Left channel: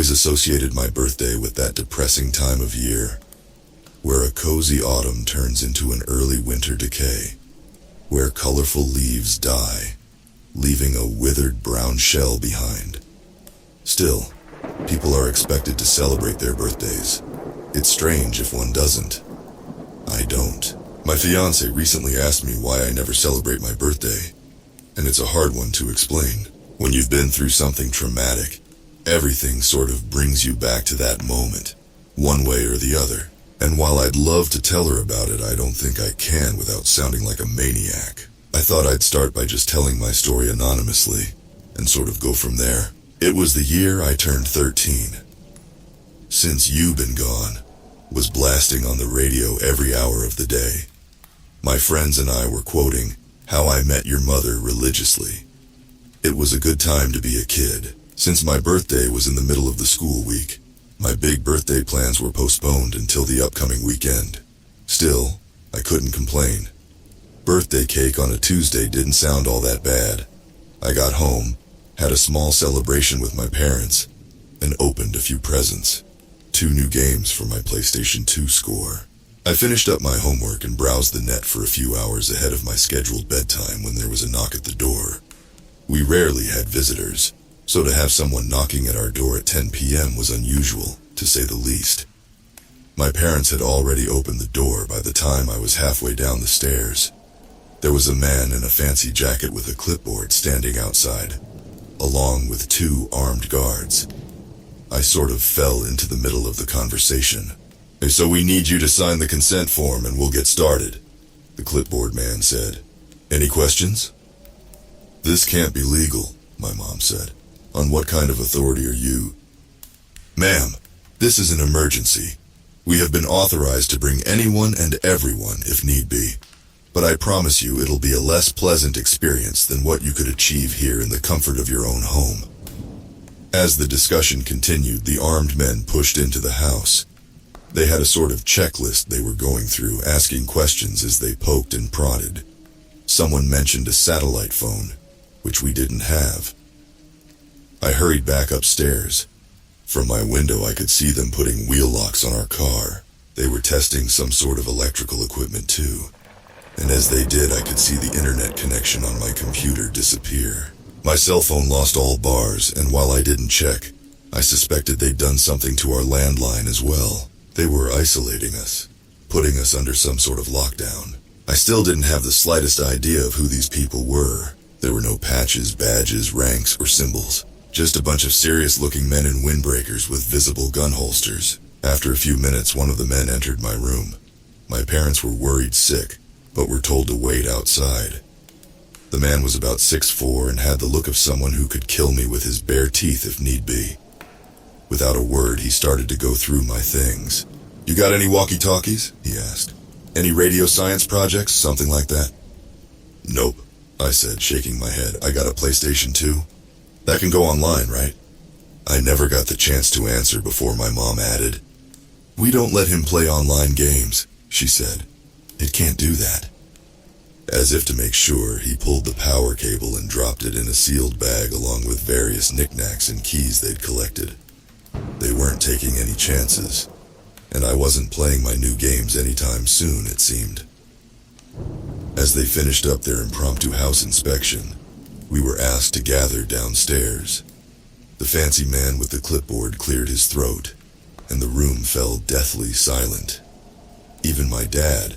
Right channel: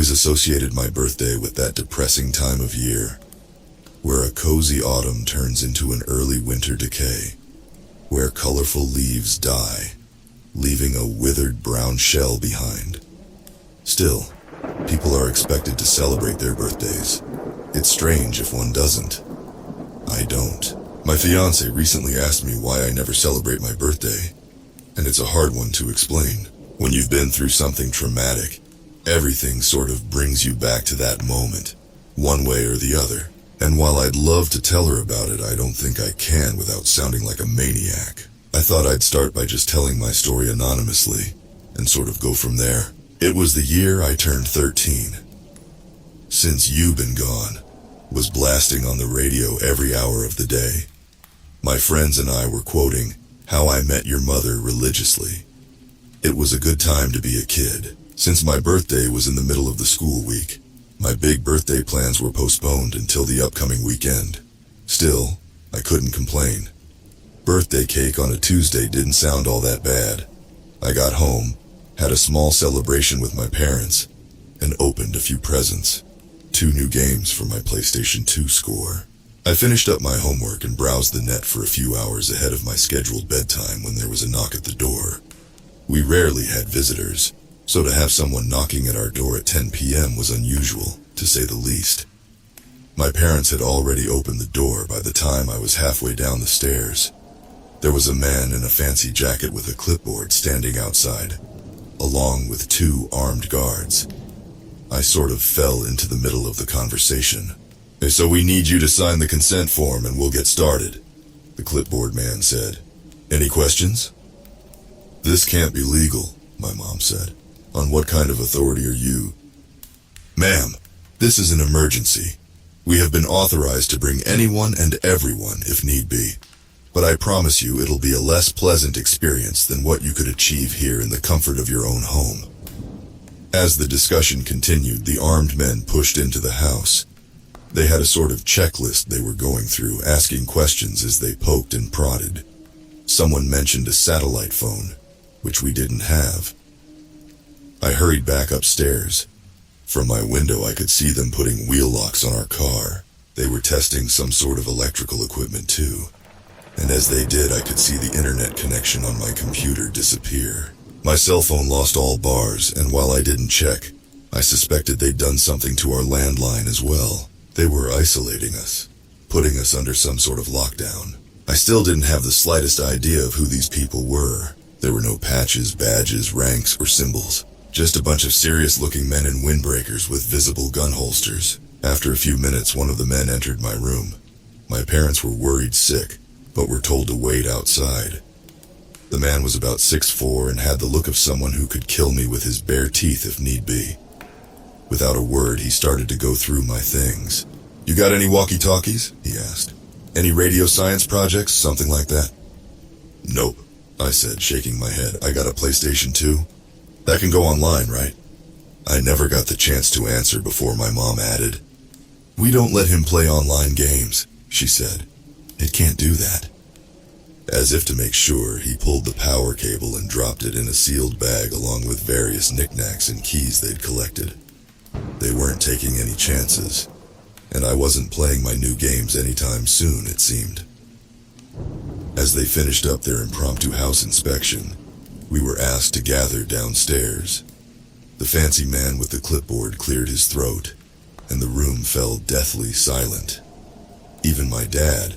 always associated my birthday with that depressing time of year, where a cozy autumn turns into an early winter decay, where colorful leaves die, leaving a withered brown shell behind. Still, people are expected to celebrate their birthdays. It's strange if one doesn't. I don't. My fiancé recently asked me why I never celebrate my birthday, and it's a hard one to explain. When you've been through something traumatic, everything sort of brings you back to that moment, one way or the other. And while I'd love to tell her about it, I don't think I can without sounding like a maniac. I thought I'd start by just telling my story anonymously, and sort of go from there. It was the year I turned 13. Since You Been Gone was blasting on the radio every hour of the day. My friends and I were quoting How I Met Your Mother religiously. It was a good time to be a kid. Since my birthday was in the middle of the school week, my big birthday plans were postponed until the upcoming weekend. Still, I couldn't complain. Birthday cake on a Tuesday didn't sound all that bad. I got home, had a small celebration with my parents, and opened a few presents. 2 new games for my PlayStation 2 score. I finished up my homework and browsed the net for a few hours ahead of my scheduled bedtime when there was a knock at the door. We rarely had visitors, so to have someone knocking at our door at 10 p.m. was unusual, to say the least. My parents had already opened the door by the time I was halfway down the stairs. There was a man in a fancy jacket with a clipboard standing outside, along with 2 armed guards. I sort of fell into the middle of the conversation. So we need you to sign the consent form and we'll get started, the clipboard man said. Any questions? This can't be legal, my mom said. On what kind of authority are you? Ma'am, this is an emergency. We have been authorized to bring anyone and everyone if need be. But I promise you it'll be a less pleasant experience than what you could achieve here in the comfort of your own home. As the discussion continued, the armed men pushed into the house. They had a sort of checklist they were going through, asking questions as they poked and prodded. Someone mentioned a satellite phone, which we didn't have. I hurried back upstairs. From my window I could see them putting wheel locks on our car. They were testing some sort of electrical equipment too. And as they did, I could see the internet connection on my computer disappear. My cell phone lost all bars, and while I didn't check, I suspected they'd done something to our landline as well. They were isolating us, putting us under some sort of lockdown. I still didn't have the slightest idea of who these people were. There were no patches, badges, ranks, or symbols. Just a bunch of serious-looking men in windbreakers with visible gun holsters. After a few minutes, one of the men entered my room. My parents were worried sick, but were told to wait outside. The man was about 6'4" and had the look of someone who could kill me with his bare teeth if need be. Without a word, he started to go through my things. You got any walkie-talkies? He asked. Any radio science projects, something like that? Nope, I said, shaking my head. I got a PlayStation 2. That can go online, right? I never got the chance to answer before my mom added, We don't let him play online games, she said. It can't do that. As if to make sure, he pulled the power cable and dropped it in a sealed bag along with various knickknacks and keys they'd collected. They weren't taking any chances, and I wasn't playing my new games anytime soon, it seemed. As they finished up their impromptu house inspection, we were asked to gather downstairs. The fancy man with the clipboard cleared his throat, and the room fell deathly silent. Even my dad,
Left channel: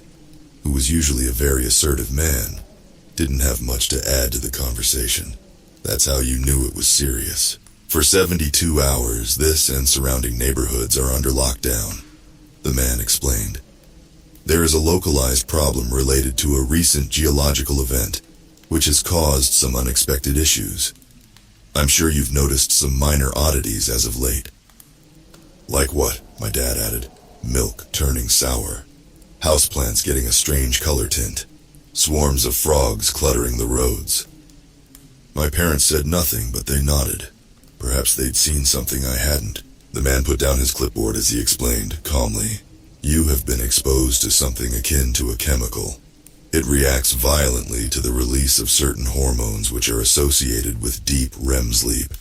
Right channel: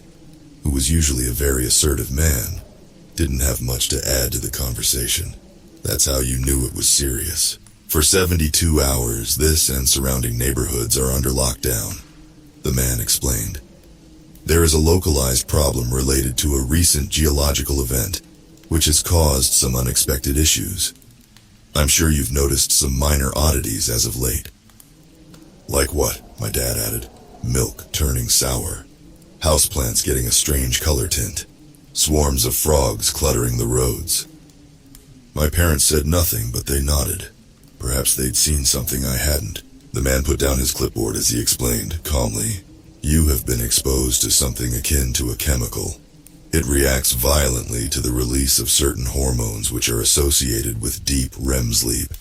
who was usually a very assertive man, didn't have much to add to the conversation. That's how you knew it was serious. For 72 hours, this and surrounding neighborhoods are under lockdown, the man explained. There is a localized problem related to a recent geological event, which has caused some unexpected issues. I'm sure you've noticed some minor oddities as of late. Like what? My dad added. Milk turning sour. Houseplants getting a strange color tint. Swarms of frogs cluttering the roads. My parents said nothing, but they nodded. Perhaps they'd seen something I hadn't. The man put down his clipboard as he explained, calmly. You have been exposed to something akin to a chemical. It reacts violently to the release of certain hormones which are associated with deep REM sleep.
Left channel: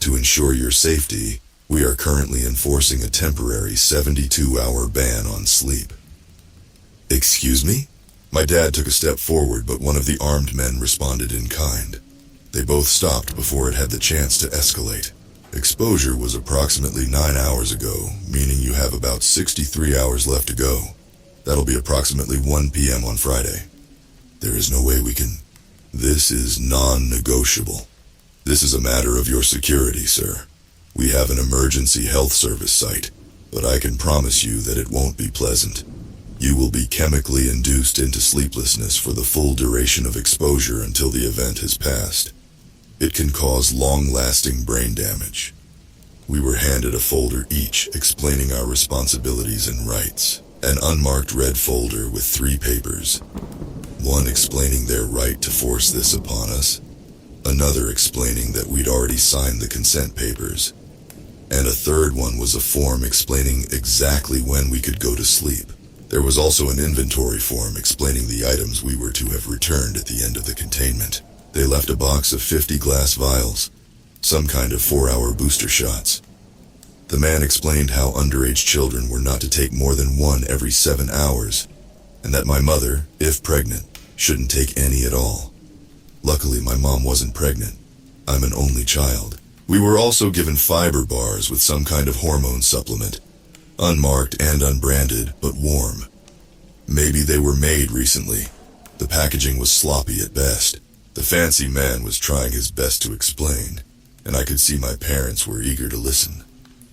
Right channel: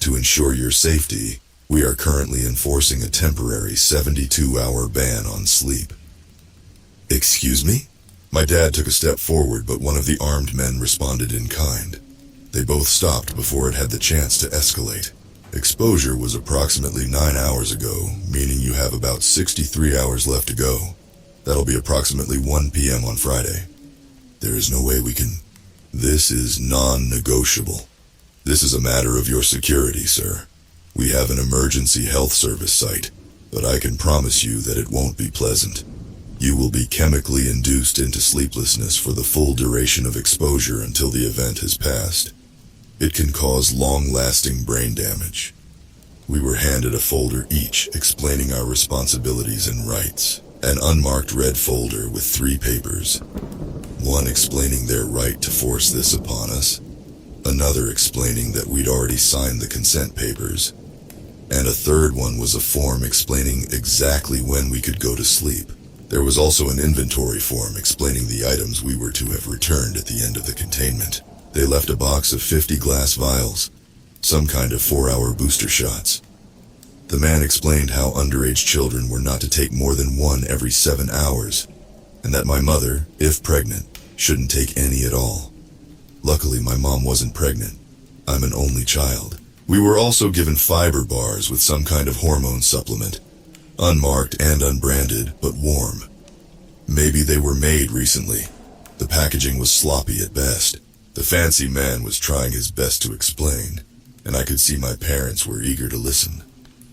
To ensure your safety, We are currently enforcing a temporary 72-hour ban on sleep. Excuse me? My dad took a step forward, but one of the armed men responded in kind. They both stopped before it had the chance to escalate. Exposure was approximately 9 hours ago, meaning you have about 63 hours left to go. That'll be approximately 1 p.m. on Friday. There is no way we can... This is non-negotiable. This is a matter of your security, sir. We have an emergency health service site, but I can promise you that it won't be pleasant. You will be chemically induced into sleeplessness for the full duration of exposure until the event has passed. It can cause long-lasting brain damage. We were handed a folder each explaining our responsibilities and rights. An unmarked red folder with 3 papers. One explaining their right to force this upon us. Another explaining that we'd already signed the consent papers. And a third one was a form explaining exactly when we could go to sleep. There was also an inventory form explaining the items we were to have returned at the end of the containment. They left a box of 50 glass vials, some kind of 4-hour booster shots. The man explained how underage children were not to take more than 1 every 7 hours, and that my mother, if pregnant, shouldn't take any at all. Luckily, my mom wasn't pregnant. I'm an only child. We were also given fiber bars with some kind of hormone supplement, unmarked and unbranded, but warm. Maybe they were made recently. The packaging was sloppy at best. The fancy man was trying his best to explain, and I could see my parents were eager to listen,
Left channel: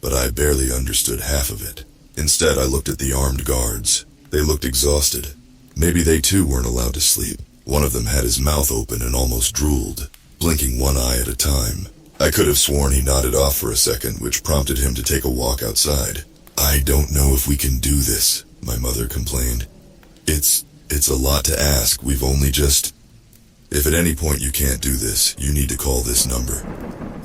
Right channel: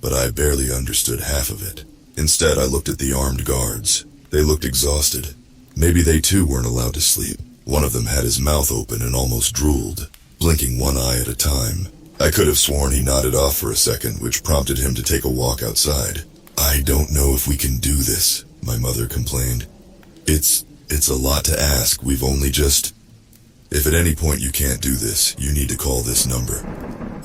but I barely understood half of it. Instead, I looked at the armed guards. They looked exhausted. Maybe they too weren't allowed to sleep. One of them had his mouth open and almost drooled, blinking one eye at a time. I could have sworn he nodded off for a second, which prompted him to take a walk outside. I don't know if we can do this, my mother complained. It's a lot to ask. We've only just... If at any point you can't do this, you need to call this number.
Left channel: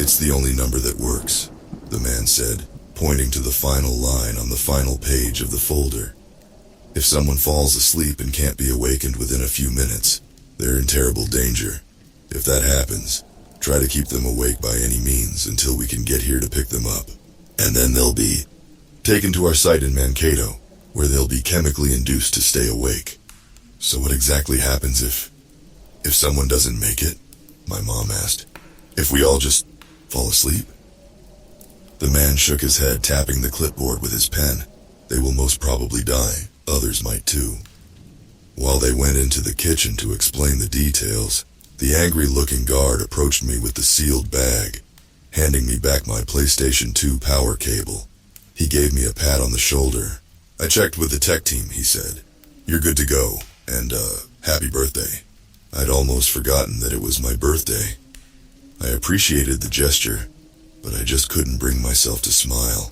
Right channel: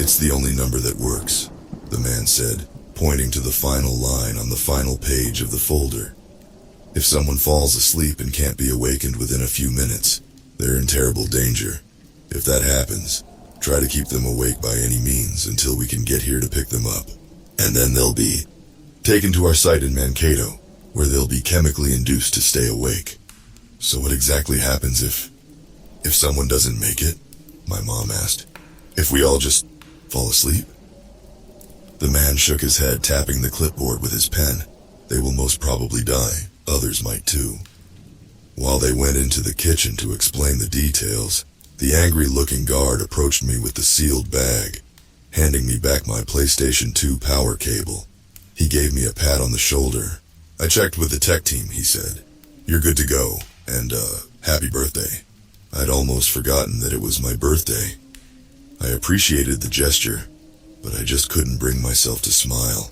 It's the only number that works, the man said, pointing to the final line on the final page of the folder. If someone falls asleep and can't be awakened within a few minutes, they're in terrible danger. If that happens, try to keep them awake by any means until we can get here to pick them up. And then they'll be taken to our site in Mankato, where they'll be chemically induced to stay awake. So what exactly happens if someone doesn't make it? My mom asked. If we all just fall asleep? The man shook his head, tapping the clipboard with his pen. They will most probably die. Others might too. While they went into the kitchen to explain the details, the angry-looking guard approached me with the sealed bag, handing me back my PlayStation 2 power cable. He gave me a pat on the shoulder. I checked with the tech team, he said. You're good to go, and happy birthday. I'd almost forgotten that it was my birthday. I appreciated the gesture, but I just couldn't bring myself to smile.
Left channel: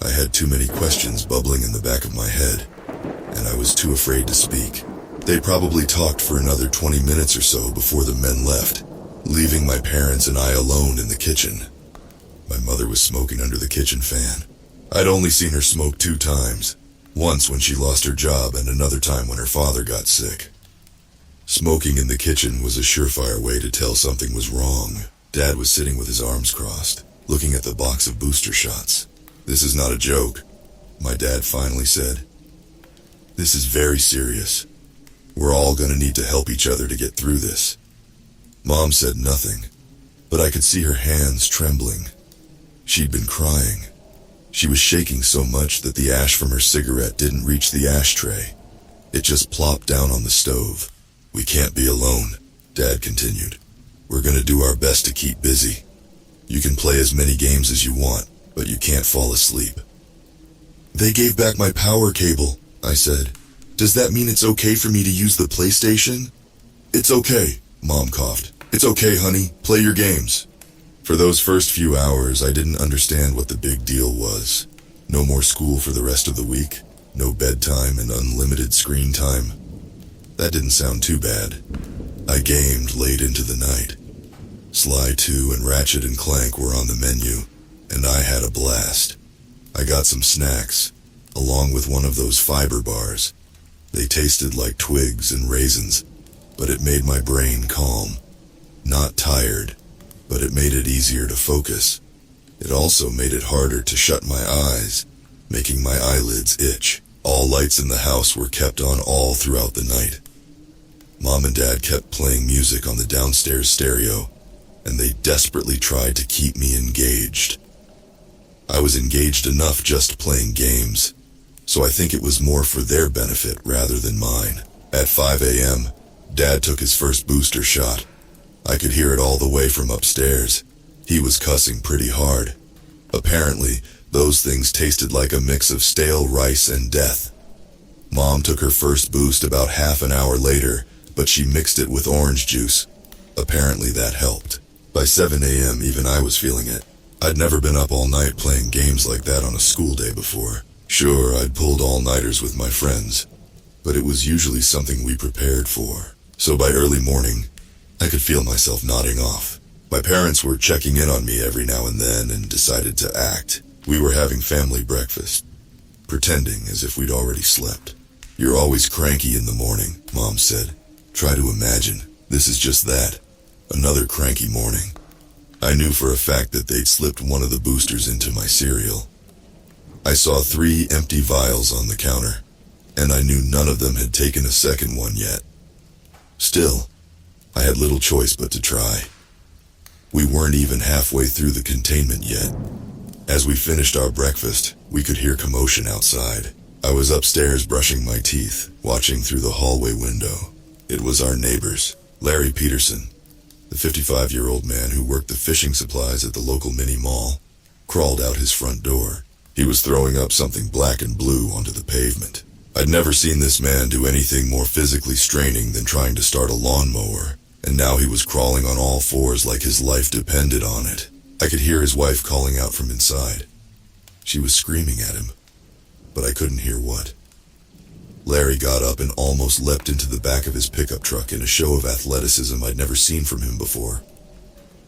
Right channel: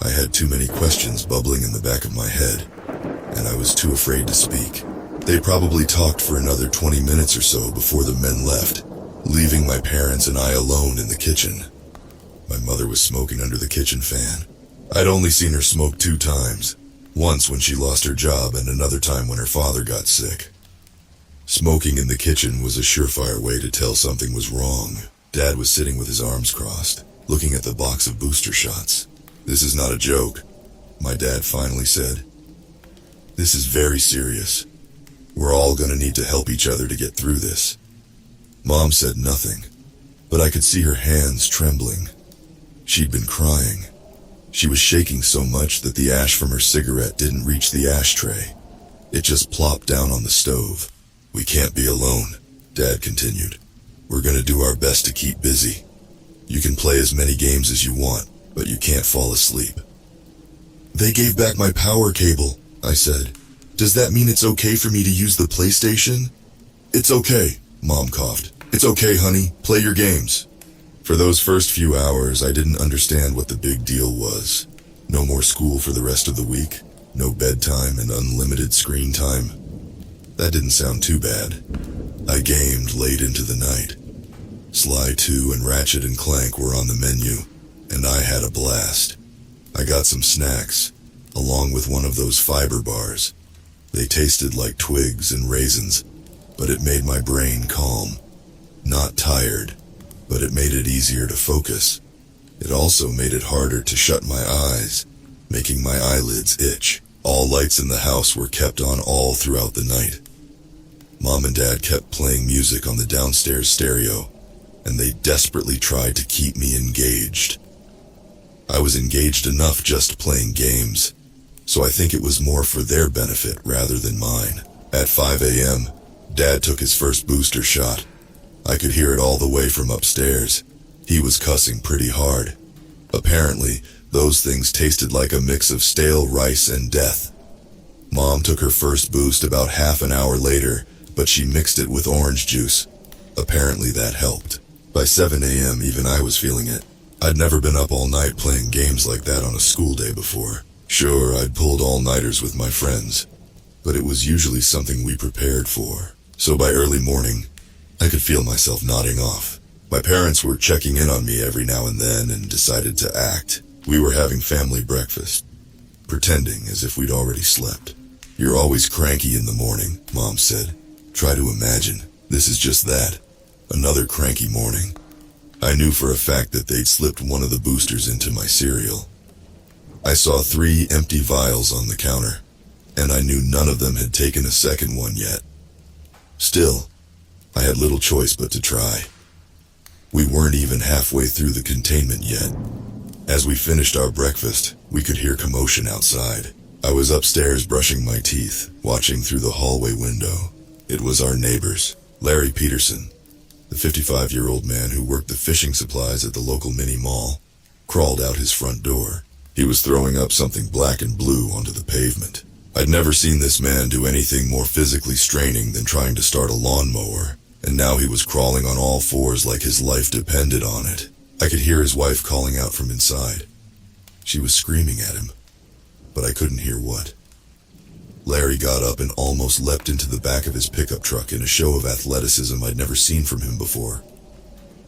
I had too many questions bubbling in the back of my head, and I was too afraid to speak. They probably talked for another 20 minutes or so before the men left, leaving my parents and I alone in the kitchen. My mother was smoking under the kitchen fan. I'd only seen her smoke 2 times, once when she lost her job and another time when her father got sick. Smoking in the kitchen was a surefire way to tell something was wrong. Dad was sitting with his arms crossed, looking at the box of booster shots. This is not a joke, my dad finally said. This is very serious. We're all gonna need to help each other to get through this. Mom said nothing, but I could see her hands trembling. She'd been crying. She was shaking so much that the ash from her cigarette didn't reach the ashtray. It just plopped down on the stove. We can't be alone, Dad continued. We're gonna do our best to keep busy. You can play as many games as you want, but you can't fall asleep. They gave back my power cable, I said. Does that mean it's okay for me to use the PlayStation? It's okay, Mom coughed. It's okay, honey. Play your games. For those first few hours, I didn't understand what the big deal was. No more school for the rest of the week, no bedtime and unlimited screen time. That didn't sound too bad. I gamed late into the night. Sly 2 and Ratchet and Clank were on the menu, and I had a blast. I got some snacks, along with one of those fiber bars. They tasted like twigs and raisins, but it made my brain calm. Not tired, but it made it easier to focus. It also made it harder to shut my eyes, making my eyelids itch. All lights in the house were kept on all throughout the night. Mom and Dad kept playing music on the downstairs stereo, and they desperately tried to keep me engaged. I was engaged enough just playing games, so I think it was more for their benefit rather than mine. At 5 a.m., Dad took his first booster shot. I could hear it all the way from upstairs. He was cussing pretty hard. Apparently, those things tasted like a mix of stale rice and death. Mom took her first boost about half an hour later, but she mixed it with orange juice. Apparently that helped. By 7 a.m. even I was feeling it. I'd never been up all night playing games like that on a school day before. Sure, I'd pulled all-nighters with my friends, but it was usually something we prepared for. So by early morning, I could feel myself nodding off. My parents were checking in on me every now and then and decided to act. We were having family breakfast, pretending as if we'd already slept. "You're always cranky in the morning," Mom said. "Try to imagine. This is just that. Another cranky morning." I knew for a fact that they'd slipped one of the boosters into my cereal. I saw 3 empty vials on the counter, and I knew none of them had taken a second one yet. Still, I had little choice but to try. We weren't even halfway through the containment yet. As we finished our breakfast, we could hear commotion outside. I was upstairs brushing my teeth, watching through the hallway window. It was our neighbors, Larry Peterson, the 55-year-old man who worked the fishing supplies at the local mini-mall, crawled out his front door. He was throwing up something black and blue onto the pavement. I'd never seen this man do anything more physically straining than trying to start a lawnmower, and now he was crawling on all fours like his life depended on it. I could hear his wife calling out from inside. She was screaming at him, but I couldn't hear what. Larry got up and almost leapt into the back of his pickup truck in a show of athleticism I'd never seen from him before.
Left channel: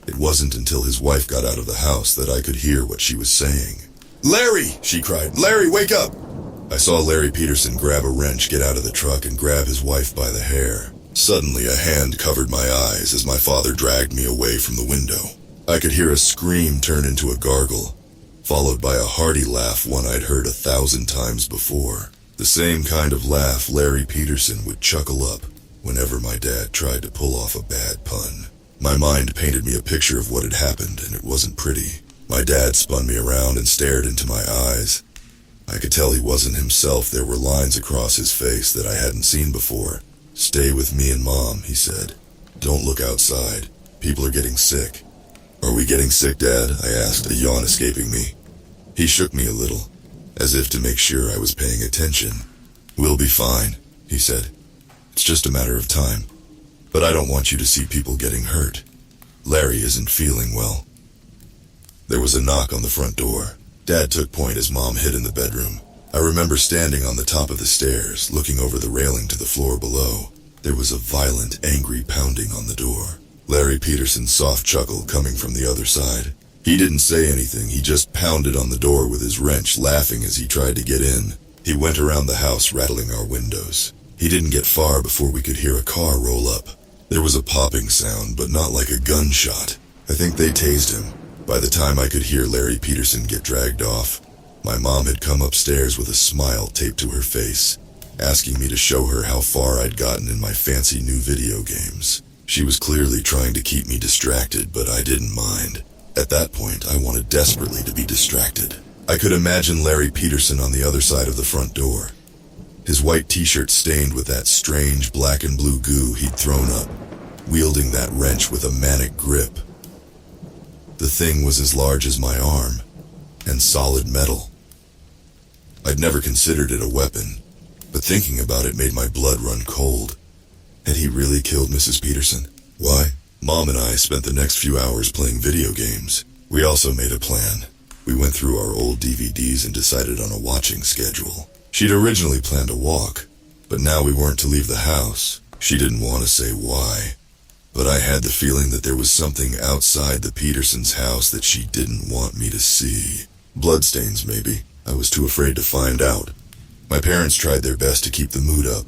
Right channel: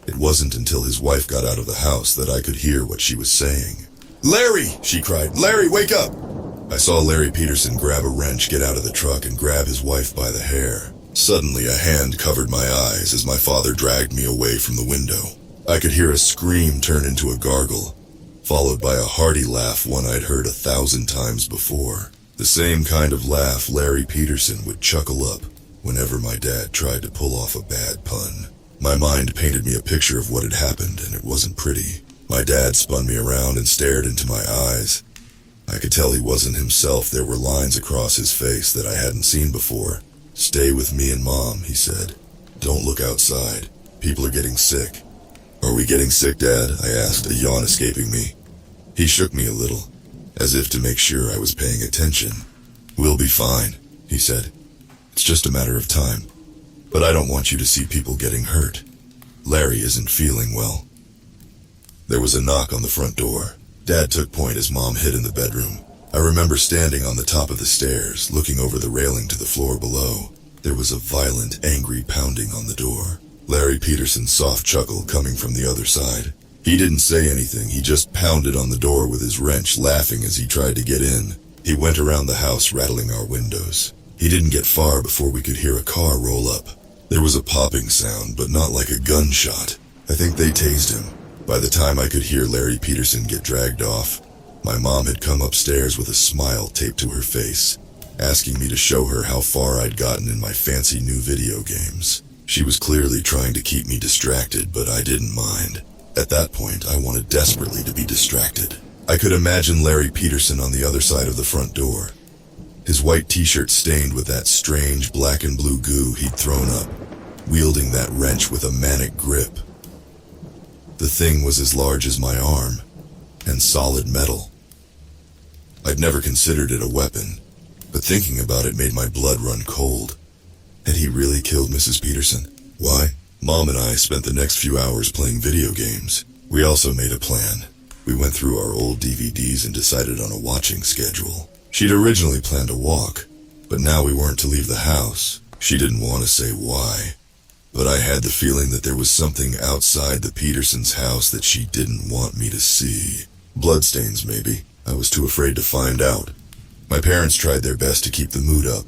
It wasn't until his wife got out of the house that I could hear what she was saying. "Larry!" she cried. "Larry, wake up!" I saw Larry Peterson grab a wrench, get out of the truck, and grab his wife by the hair. Suddenly, a hand covered my eyes as my father dragged me away from the window. I could hear a scream turn into a gargle, followed by a hearty laugh, one I'd heard 1,000 times before. The same kind of laugh Larry Peterson would chuckle up whenever my dad tried to pull off a bad pun. My mind painted me a picture of what had happened, and it wasn't pretty. My dad spun me around and stared into my eyes. I could tell he wasn't himself. There were lines across his face that I hadn't seen before. "Stay with me and Mom," he said. "Don't look outside. People are getting sick." "Are we getting sick, Dad?" I asked, a yawn escaping me. He shook me a little, as if to make sure I was paying attention. "We'll be fine," he said. "It's just a matter of time. But I don't want you to see people getting hurt. Larry isn't feeling well." There was a knock on the front door. Dad took point as Mom hid in the bedroom. I remember standing on the top of the stairs, looking over the railing to the floor below. There was a violent, angry pounding on the door. Larry Peterson's soft chuckle coming from the other side. He didn't say anything, he just pounded on the door with his wrench, laughing as he tried to get in. He went around the house, rattling our windows. He didn't get far before we could hear a car roll up. There was a popping sound, but not like a gunshot. I think they tased him. By the time I could hear Larry Peterson get dragged off, my mom had come upstairs with a smile taped to her face, asking me to show her how far I'd gotten in my fancy new video games. She was clearly trying to keep me distracted, but I didn't mind. At that point, I wanted desperately to be distracted. I could imagine Larry Peterson on the other side of the front door, his white t-shirt stained with that strange black and blue goo he'd thrown up, wielding that wrench with a manic grip. The thing was as large as my arm, and solid metal. I'd never considered it a weapon, but thinking about it made my blood run cold. Had he really killed Mrs. Peterson? Why? Mom and I spent the next few hours playing video games. We also made a plan. We went through our old DVDs and decided on a watching schedule. She'd originally planned a walk, but now we weren't to leave the house. She didn't want to say why, but I had the feeling that there was something outside the Petersons' house that she didn't want me to see. Bloodstains, maybe. I was too afraid to find out. My parents tried their best to keep the mood up,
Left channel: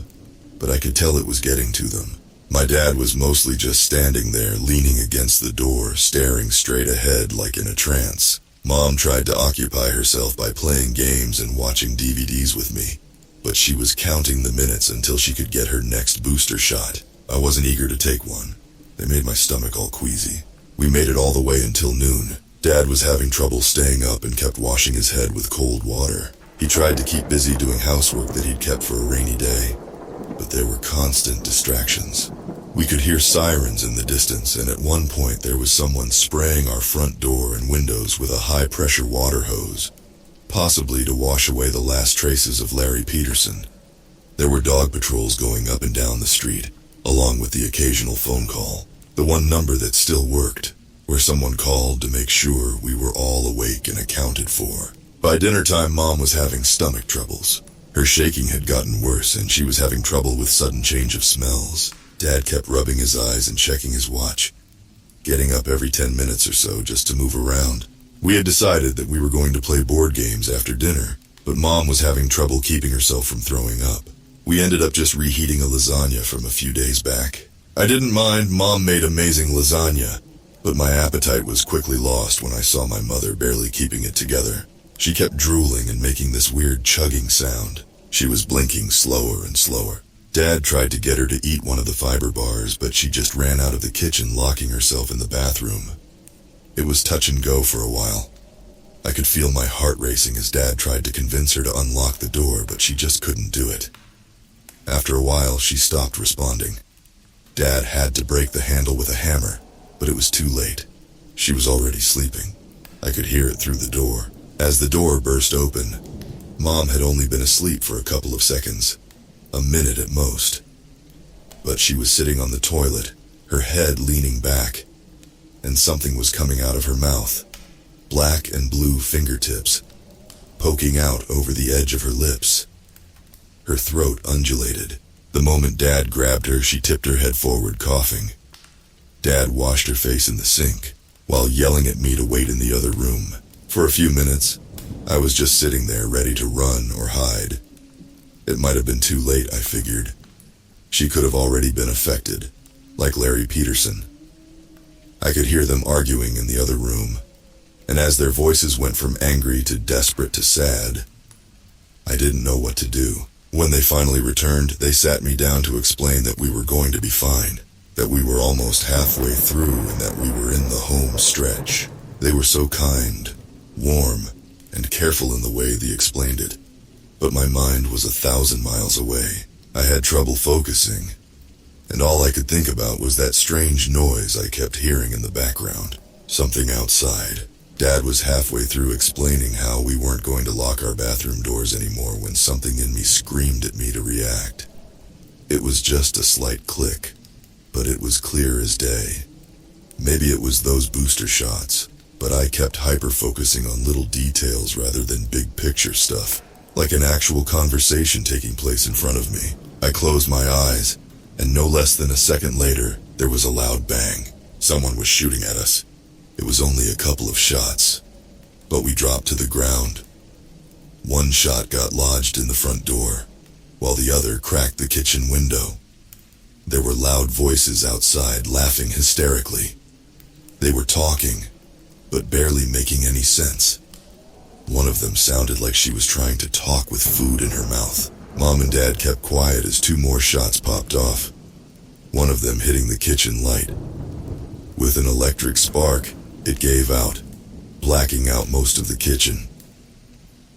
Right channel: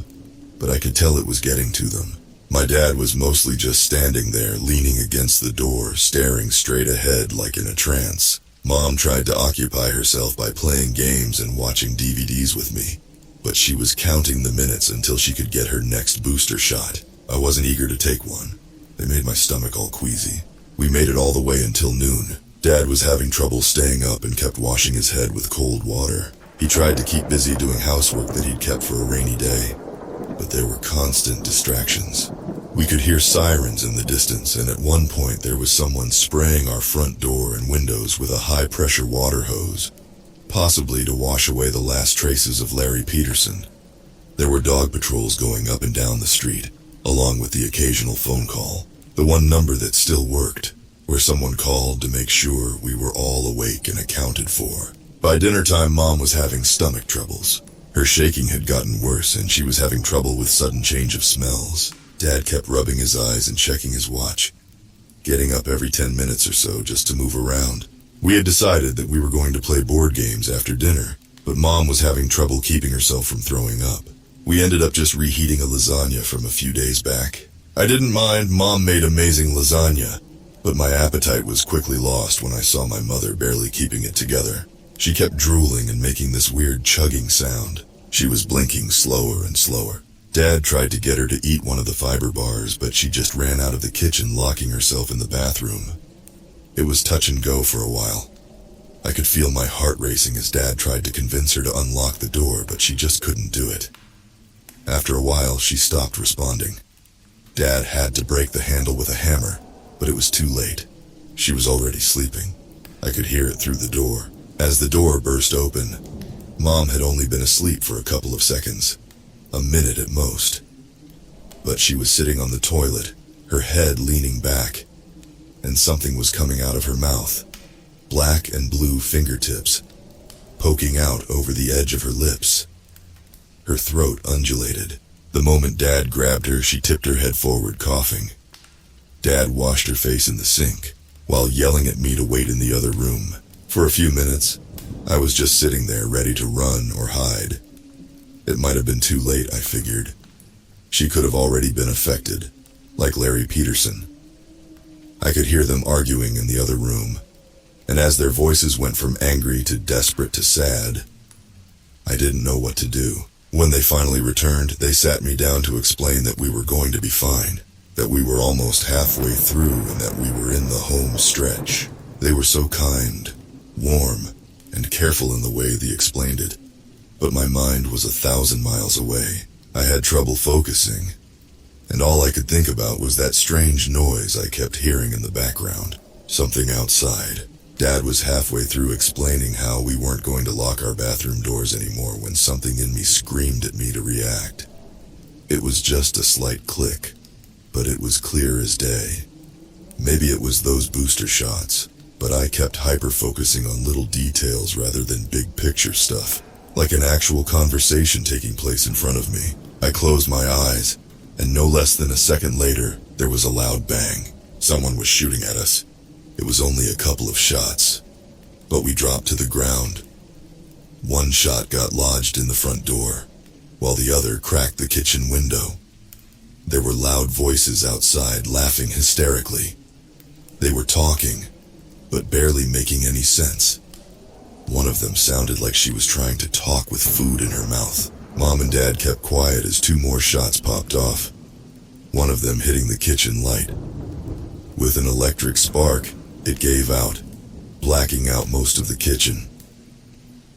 but I could tell it was getting to them. My dad was mostly just standing there, leaning against the door, staring straight ahead like in a trance. Mom tried to occupy herself by playing games and watching DVDs with me, but she was counting the minutes until she could get her next booster shot. I wasn't eager to take one. They made my stomach all queasy. We made it all the way until noon. Dad was having trouble staying up and kept washing his head with cold water. He tried to keep busy doing housework that he'd kept for a rainy day, but there were constant distractions. We could hear sirens in the distance, and at one point there was someone spraying our front door and windows with a high-pressure water hose, possibly to wash away the last traces of Larry Peterson. There were dog patrols going up and down the street, along with the occasional phone call, the one number that still worked, where someone called to make sure we were all awake and accounted for. By dinner time, Mom was having stomach troubles. Her shaking had gotten worse, and she was having trouble with sudden change of smells. Dad kept rubbing his eyes and checking his watch, getting up every 10 minutes or so just to move around. We had decided that we were going to play board games after dinner, but Mom was having trouble keeping herself from throwing up. We ended up just reheating a lasagna from a few days back. I didn't mind. Mom made amazing lasagna, but my appetite was quickly lost when I saw my mother barely keeping it together. She kept drooling and making this weird chugging sound. She was blinking slower and slower. Dad tried to get her to eat one of the fiber bars, but she just ran out of the kitchen, locking herself in the bathroom. It was touch and go for a while. I could feel my heart racing as Dad tried to convince her to unlock the door, but she just couldn't do it. After a while, she stopped responding. Dad had to break the handle with a hammer, but it was too late. She was already sleeping. I could hear it through the door. As the door burst open, Mom had only been asleep for a couple of seconds, a minute at most. But she was sitting on the toilet, her head leaning back, and something was coming out of her mouth, black and blue fingertips, poking out over the edge of her lips. Her throat undulated. The moment Dad grabbed her, she tipped her head forward, coughing. Dad washed her face in the sink, while yelling at me to wait in the other room. For a few minutes, I was just sitting there ready to run or hide. It might have been too late, I figured. She could have already been affected, like Larry Peterson. I could hear them arguing in the other room, and as their voices went from angry to desperate to sad, I didn't know what to do. When they finally returned, they sat me down to explain that we were going to be fine, that we were almost halfway through, and that we were in the home stretch. They were so kind, warm, and careful in the way they explained it. But my mind was 1,000 miles away. I had trouble focusing, and all I could think about was that strange noise I kept hearing in the background. Something outside. Dad was halfway through explaining how we weren't going to lock our bathroom doors anymore when something in me screamed at me to react. It was just a slight click, but it was clear as day. Maybe it was those booster shots, but I kept hyper-focusing on little details rather than big picture stuff, like an actual conversation taking place in front of me. I closed my eyes, and no less than a second later, there was a loud bang. Someone was shooting at us. It was only a couple of shots, but we dropped to the ground. One shot got lodged in the front door, while the other cracked the kitchen window. There were loud voices outside, laughing hysterically. They were talking, but barely making any sense. One of them sounded like she was trying to talk with food in her mouth. Mom and Dad kept quiet as two more shots popped off, one of them hitting the kitchen light. With an electric spark, it gave out, blacking out most of the kitchen.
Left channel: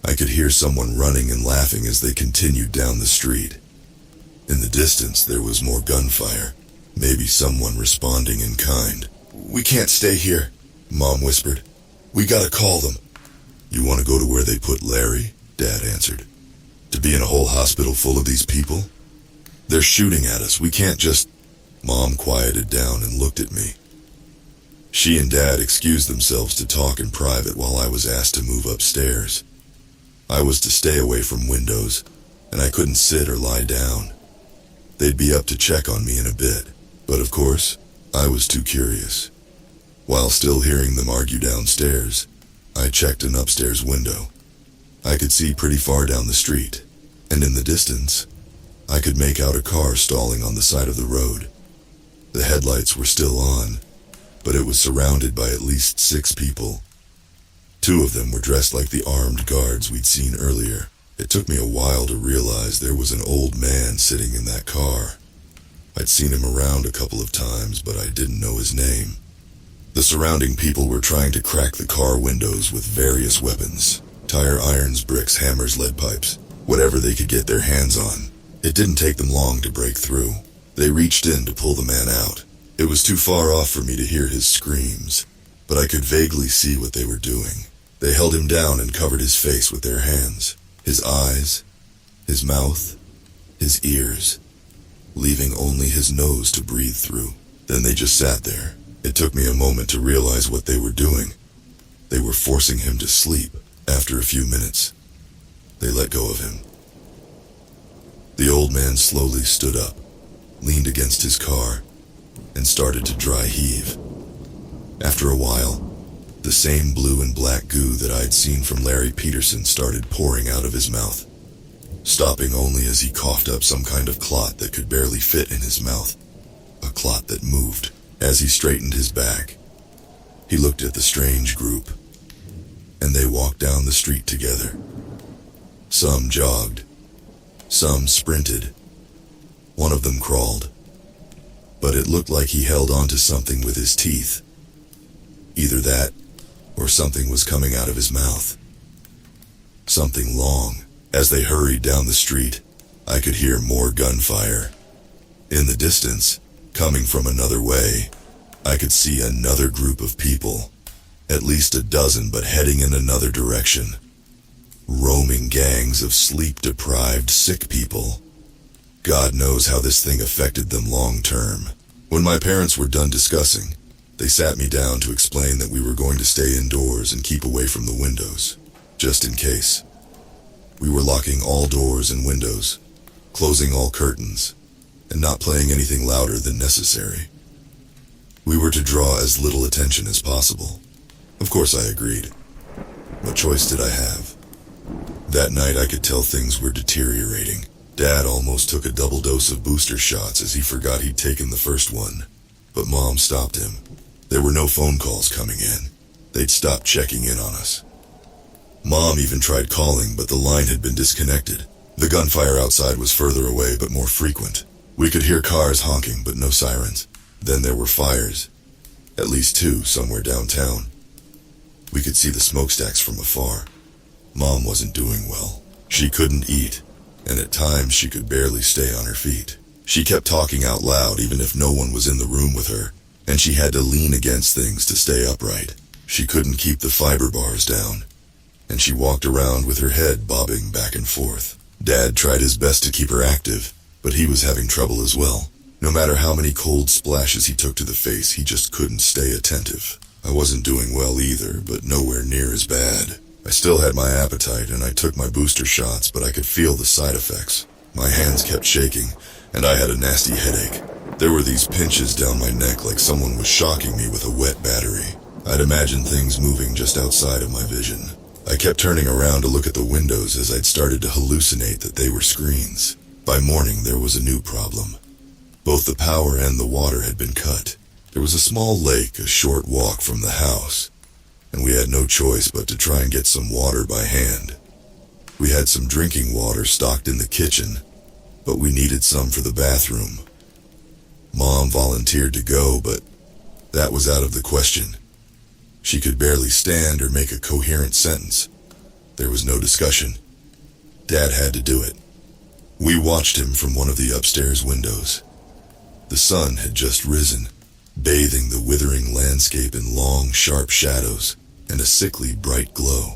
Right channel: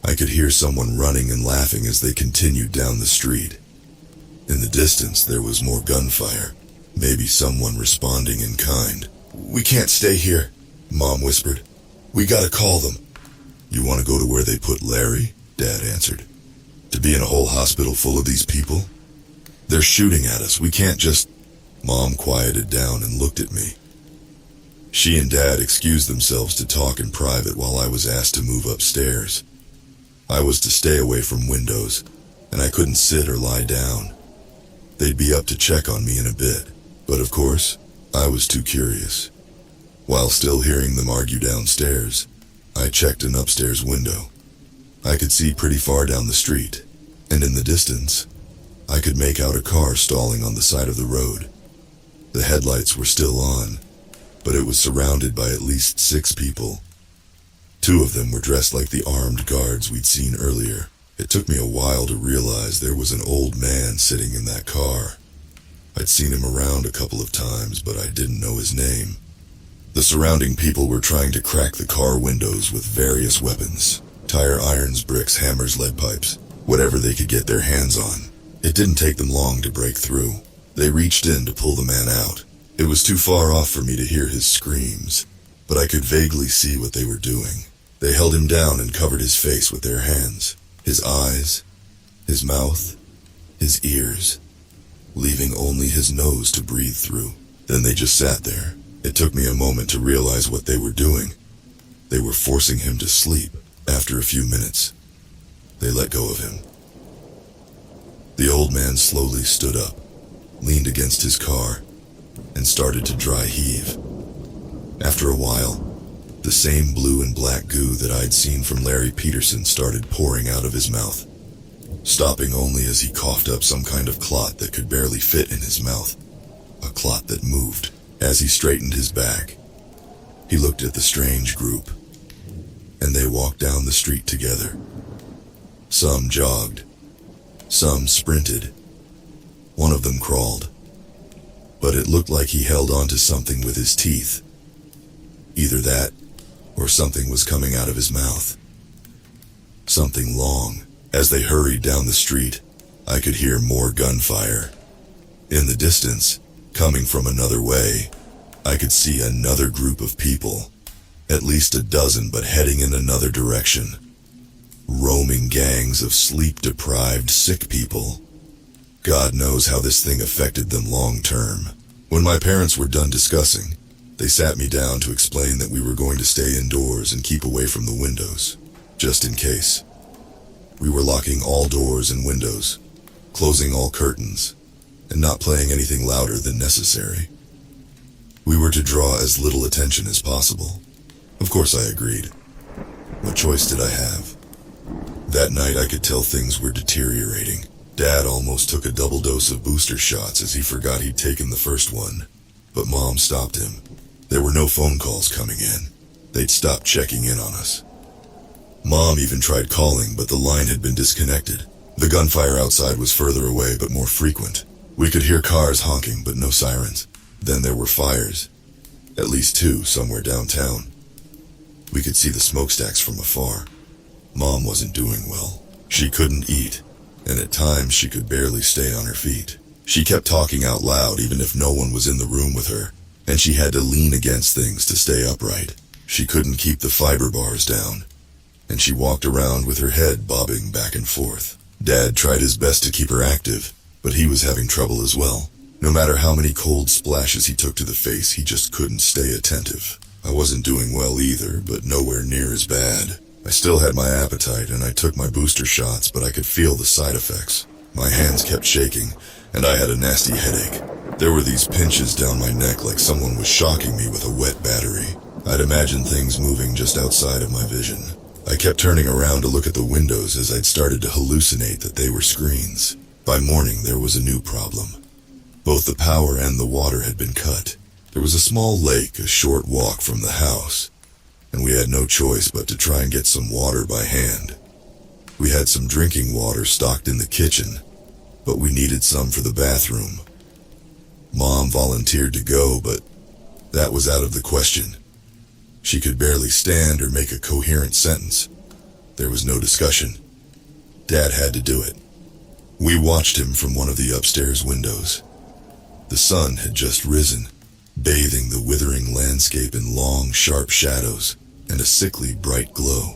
I could hear someone running and laughing as they continued down the street. In the distance, there was more gunfire, maybe someone responding in kind. "We can't stay here," Mom whispered. "We gotta call them." "You want to go to where they put Larry?" Dad answered. "To be in a whole hospital full of these people? They're shooting at us. We can't just..." Mom quieted down and looked at me. She and Dad excused themselves to talk in private while I was asked to move upstairs. I was to stay away from windows, and I couldn't sit or lie down. They'd be up to check on me in a bit, but of course, I was too curious. While still hearing them argue downstairs, I checked an upstairs window. I could see pretty far down the street, and in the distance, I could make out a car stalling on the side of the road. The headlights were still on, but it was surrounded by at least 6 people. 2 of them were dressed like the armed guards we'd seen earlier. It took me a while to realize there was an old man sitting in that car. I'd seen him around a couple of times, but I didn't know his name. The surrounding people were trying to crack the car windows with various weapons. Tire irons, bricks, hammers, lead pipes, whatever they could get their hands on. It didn't take them long to break through. They reached in to pull the man out. It was too far off for me to hear his screams, but I could vaguely see what they were doing. They held him down and covered his face with their hands. His eyes, his mouth, his ears, leaving only his nose to breathe through. Then they just sat there. It took me a moment to realize what they were doing. They were forcing him to sleep. After a few minutes, they let go of him. The old man slowly stood up, leaned against his car, and started to dry heave. After a while, the same blue and black goo that I'd seen from Larry Peterson started pouring out of his mouth, stopping only as he coughed up some kind of clot that could barely fit in his mouth, a clot that moved. As he straightened his back, he looked at the strange group, and they walked down the street together. Some jogged, some sprinted. One of them crawled, but it looked like he held onto something with his teeth. Either that, or something was coming out of his mouth. Something long. As they hurried down the street, I could hear more gunfire. In the distance, coming from another way, I could see another group of people, at least a dozen, but heading in another direction. Roaming gangs of sleep-deprived, sick people. God knows how this thing affected them long term. When my parents were done discussing, they sat me down to explain that we were going to stay indoors and keep away from the windows, just in case. We were locking all doors and windows, closing all curtains, and not playing anything louder than necessary. We were to draw as little attention as possible. Of course I agreed. What choice did I have? That night I could tell things were deteriorating. Dad almost took a double dose of booster shots as he forgot he'd taken the first one, but Mom stopped him. There were no phone calls coming in. They'd stopped checking in on us. Mom even tried calling, but the line had been disconnected. The gunfire outside was further away but more frequent. We could hear cars honking, but no sirens. Then there were fires. At least 2 somewhere downtown. We could see the smokestacks from afar. Mom wasn't doing well. She couldn't eat, and at times she could barely stay on her feet. She kept talking out loud even if no one was in the room with her, and she had to lean against things to stay upright. She couldn't keep the fiber bars down, and she walked around with her head bobbing back and forth. Dad tried his best to keep her active, but he was having trouble as well. No matter how many cold splashes he took to the face, he just couldn't stay attentive. I wasn't doing well either, but nowhere near as bad. I still had my appetite, and I took my booster shots, but I could feel the side effects. My hands kept shaking, and I had a nasty headache. There were these pinches down my neck like someone was shocking me with a wet battery. I'd imagine things moving just outside of my vision. I kept turning around to look at the windows as I'd started to hallucinate that they were screens. By morning, there was a new problem. Both the power and the water had been cut. There was a small lake a short walk from the house, and we had no choice but to try and get some water by hand. We had some drinking water stocked in the kitchen, but we needed some for the bathroom. Mom volunteered to go, but that was out of the question. She could barely stand or make a coherent sentence. There was no discussion. Dad had to do it. We watched him from one of the upstairs windows. The sun had just risen, bathing the withering landscape in long, sharp shadows and a sickly bright glow.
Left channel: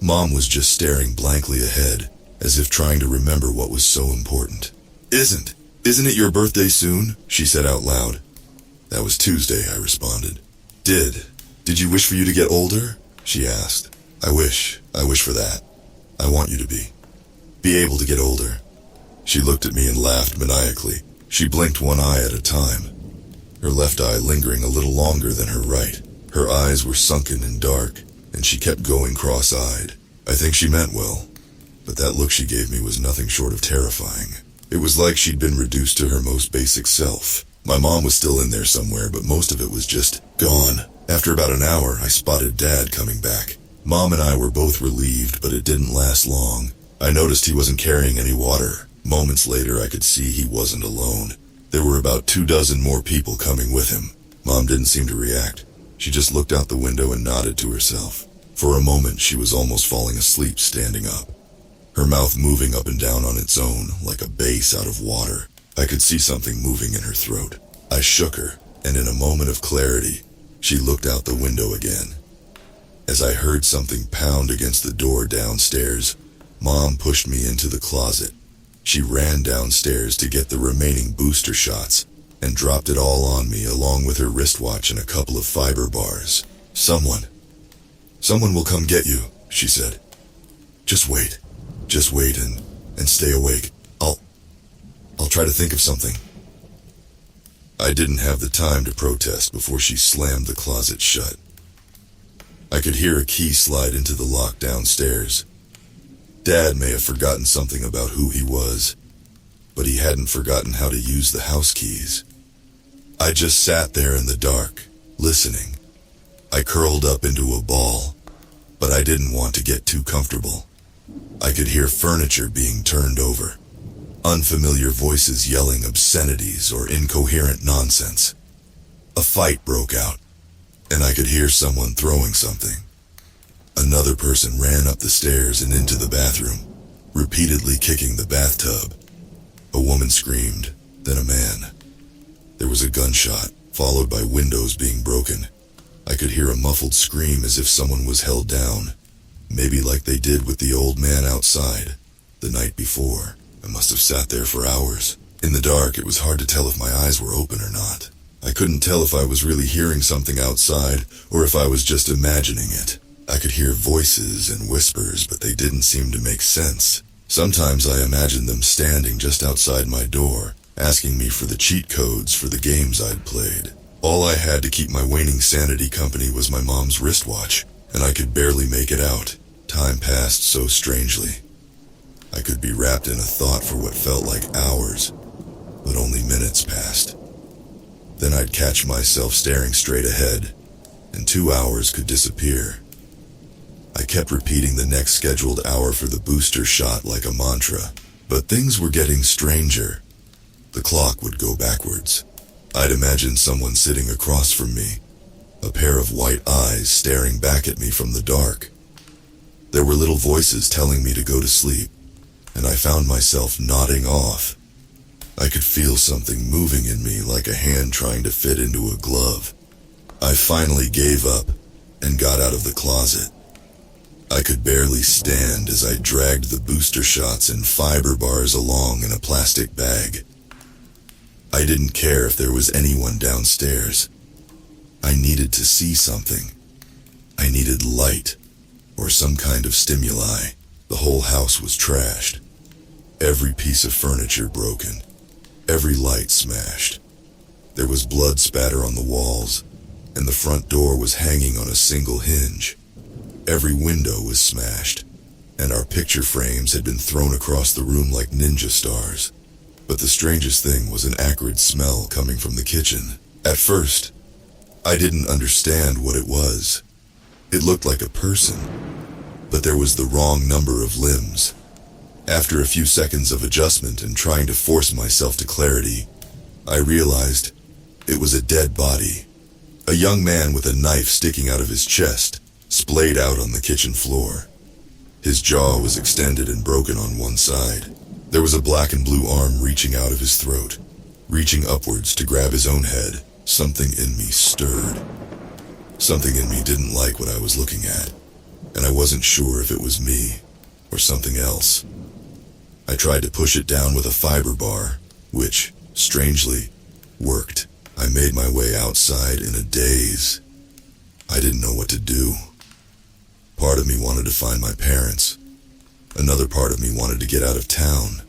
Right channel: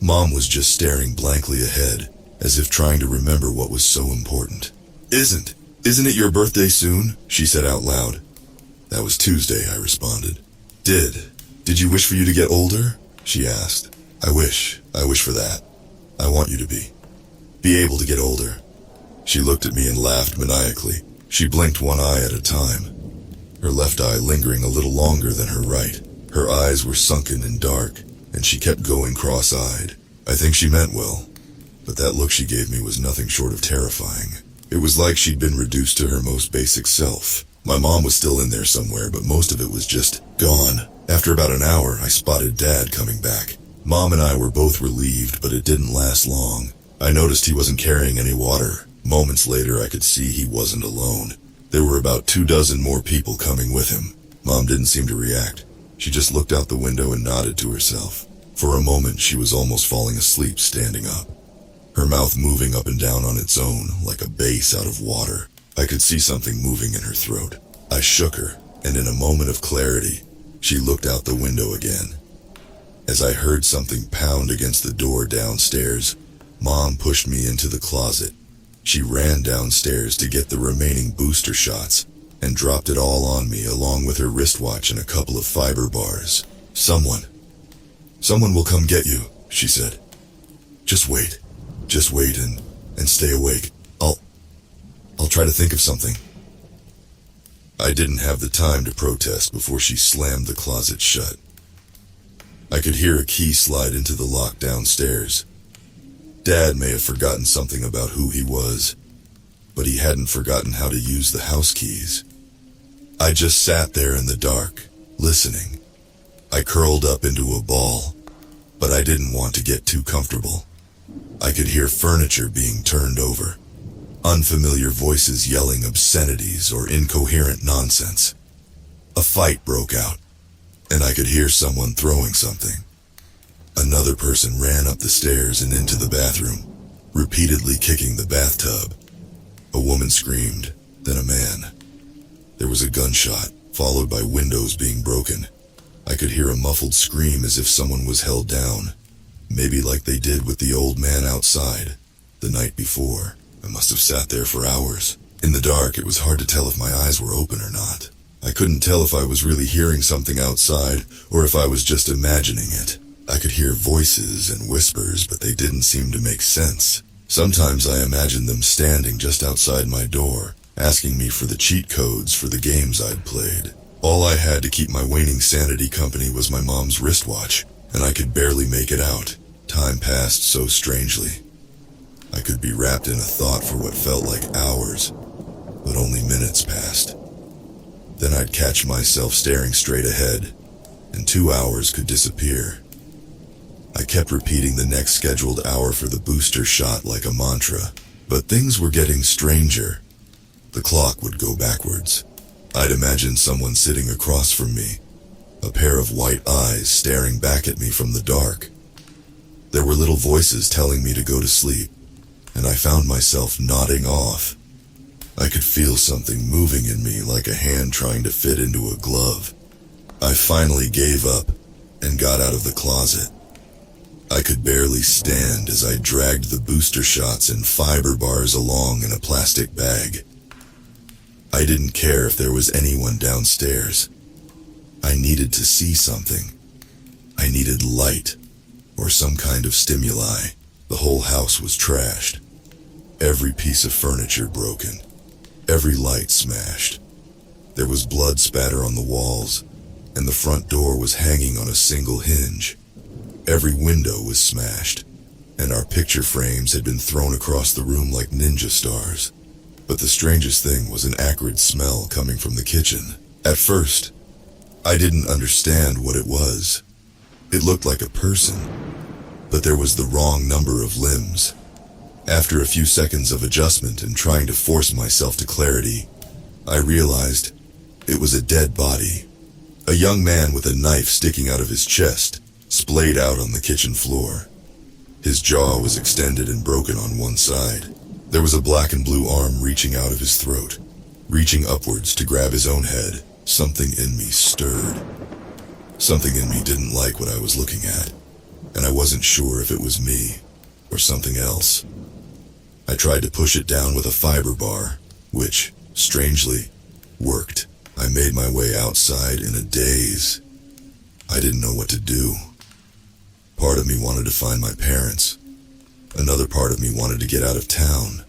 Mom was just staring blankly ahead, as if trying to remember what was so important. Isn't it your birthday soon? She said out loud. That was Tuesday, I responded. Did you wish for you to get older? She asked. I wish for that. I want you to be able to get older. She looked at me and laughed maniacally. She blinked one eye at a time, her left eye lingering a little longer than her right. Her eyes were sunken and dark, and she kept going cross-eyed. I think she meant well, but that look she gave me was nothing short of terrifying. It was like she'd been reduced to her most basic self. My mom was still in there somewhere, but most of it was just gone. After about an hour, I spotted Dad coming back. Mom and I were both relieved, but it didn't last long. I noticed he wasn't carrying any water. Moments later, I could see he wasn't alone. There were about 24 more people coming with him. Mom didn't seem to react. She just looked out the window and nodded to herself. For a moment, she was almost falling asleep standing up, her mouth moving up and down on its own like a bass out of water. I could see something moving in her throat. I shook her, and in a moment of clarity, she looked out the window again. As I heard something pound against the door downstairs, Mom pushed me into the closet. She ran downstairs to get the remaining booster shots and dropped it all on me along with her wristwatch and a couple of fiber bars. Someone will come get you, she said. Just wait and stay awake. I'll try to think of something. I didn't have the time to protest before she slammed the closet shut. I could hear a key slide into the lock downstairs. Dad may have forgotten something about who he was, but he hadn't forgotten how to use the house keys. I just sat there in the dark, listening. I curled up into a ball, but I didn't want to get too comfortable. I could hear furniture being turned over, unfamiliar voices yelling obscenities or incoherent nonsense. A fight broke out, and I could hear someone throwing something. Another person ran up the stairs and into the bathroom, repeatedly kicking the bathtub. A woman screamed, then a man. There was a gunshot, followed by windows being broken. I could hear a muffled scream as if someone was held down, maybe like they did with the old man outside the night before. I must have sat there for hours. In the dark, it was hard to tell if my eyes were open or not. I couldn't tell if I was really hearing something outside or if I was just imagining it. I could hear voices and whispers, but they didn't seem to make sense. Sometimes I imagined them standing just outside my door, asking me for the cheat codes for the games I'd played. All I had to keep my waning sanity company was my mom's wristwatch, and I could barely make it out. Time passed so strangely. I could be wrapped in a thought for what felt like hours, but only minutes passed. Then I'd catch myself staring straight ahead, and 2 hours could disappear. I kept repeating the next scheduled hour for the booster shot like a mantra, but things were getting stranger. The clock would go backwards. I'd imagine someone sitting across from me, a pair of white eyes staring back at me from the dark. There were little voices telling me to go to sleep, and I found myself nodding off. I could feel something moving in me like a hand trying to fit into a glove. I finally gave up and got out of the closet. I could barely stand as I dragged the booster shots and fiber bars along in a plastic bag. I didn't care if there was anyone downstairs. I needed to see something. I needed light, or some kind of stimuli. The whole house was trashed. Every piece of furniture broken. Every light smashed. There was blood spatter on the walls, and the front door was hanging on a single hinge. Every window was smashed, and our picture frames had been thrown across the room like ninja stars. But the strangest thing was an acrid smell coming from the kitchen. At first, I didn't understand what it was. It looked like a person, but there was the wrong number of limbs. After a few seconds of adjustment and trying to force myself to clarity, I realized it was a dead body. A young man with a knife sticking out of his chest, splayed out on the kitchen floor. His jaw was extended and broken on one side. There was a black and blue arm reaching out of his throat, reaching upwards to grab his own head. Something in me stirred. Something in me didn't like what I was looking at, and I wasn't sure if it was me or something else. I tried to push it down with a fiber bar, which, strangely, worked. I made my way outside in a daze. I didn't know what to do. Part of me wanted to find my parents. Another part of me wanted to get out of town.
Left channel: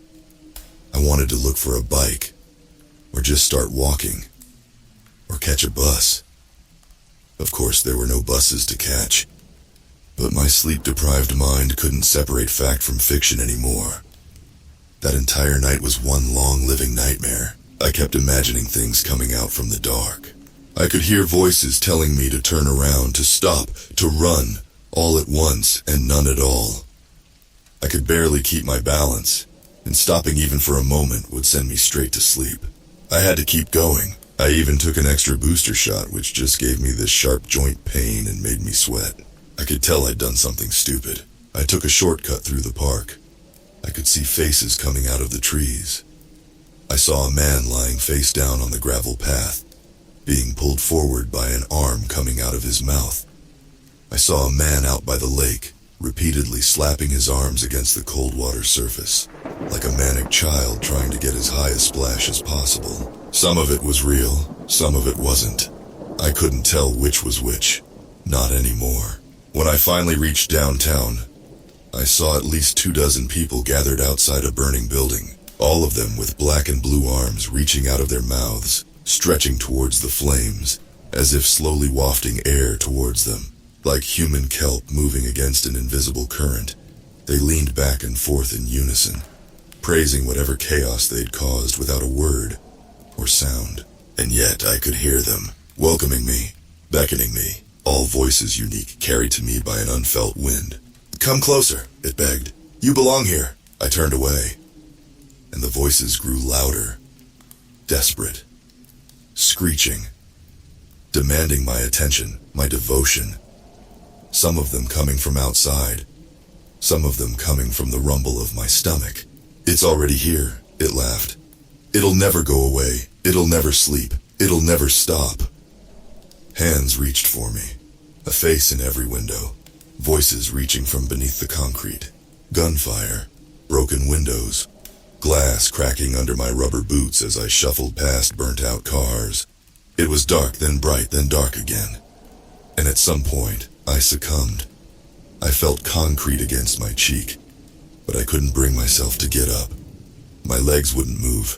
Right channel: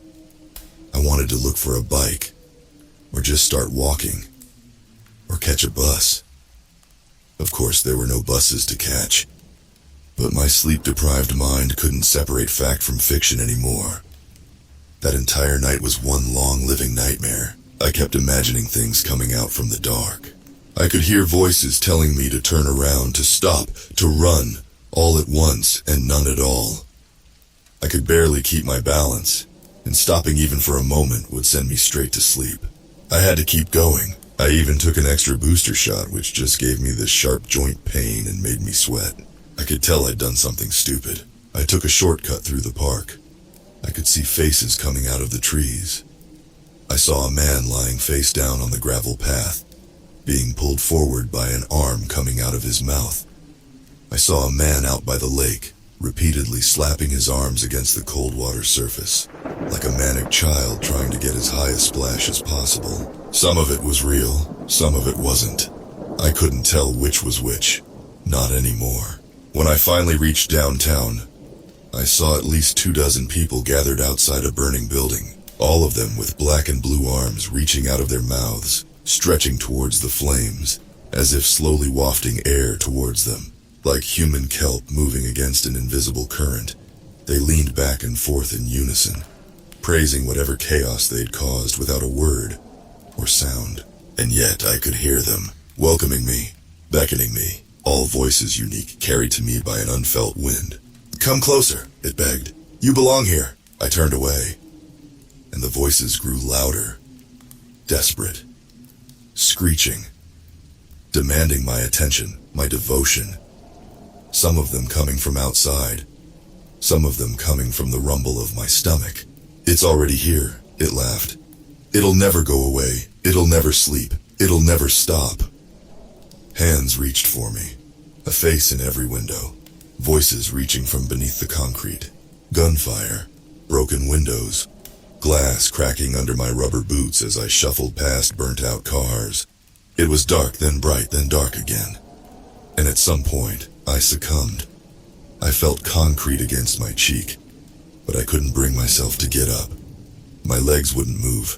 I wanted to look for a bike, or just start walking, or catch a bus. Of course, there were no buses to catch, but my sleep-deprived mind couldn't separate fact from fiction anymore. That entire night was one long living nightmare. I kept imagining things coming out from the dark. I could hear voices telling me to turn around, to stop, to run, all at once and none at all. I could barely keep my balance, and stopping even for a moment would send me straight to sleep. I had to keep going. I even took an extra booster shot, which just gave me this sharp joint pain and made me sweat. I could tell I'd done something stupid. I took a shortcut through the park. I could see faces coming out of the trees. I saw a man lying face down on the gravel path, being pulled forward by an arm coming out of his mouth. I saw a man out by the lake, repeatedly slapping his arms against the cold water surface, like a manic child trying to get as high a splash as possible. Some of it was real, some of it wasn't. I couldn't tell which was which. Not anymore. When I finally reached downtown, I saw at least 24 people gathered outside a burning building, all of them with black and blue arms reaching out of their mouths, stretching towards the flames, as if slowly wafting air towards them. Like human kelp moving against an invisible current, they leaned back and forth in unison, praising whatever chaos they'd caused without a word or sound. And yet I could hear them, welcoming me, beckoning me, all voices unique, carried to me by an unfelt wind. "Come closer," it begged. "You belong here." I turned away, and the voices grew louder, desperate, screeching, demanding my attention, my devotion. Some of them coming from outside, some of them coming from the rumble of my stomach. "It's already here," it laughed. "It'll never go away. It'll never sleep. It'll never stop." Hands reached for me, a face in every window, voices reaching from beneath the concrete, gunfire, broken windows, glass cracking under my rubber boots as I shuffled past burnt-out cars. It was dark, then bright, then dark again. And at some point, I succumbed. I felt concrete against my cheek, but I couldn't bring myself to get up. My legs wouldn't move.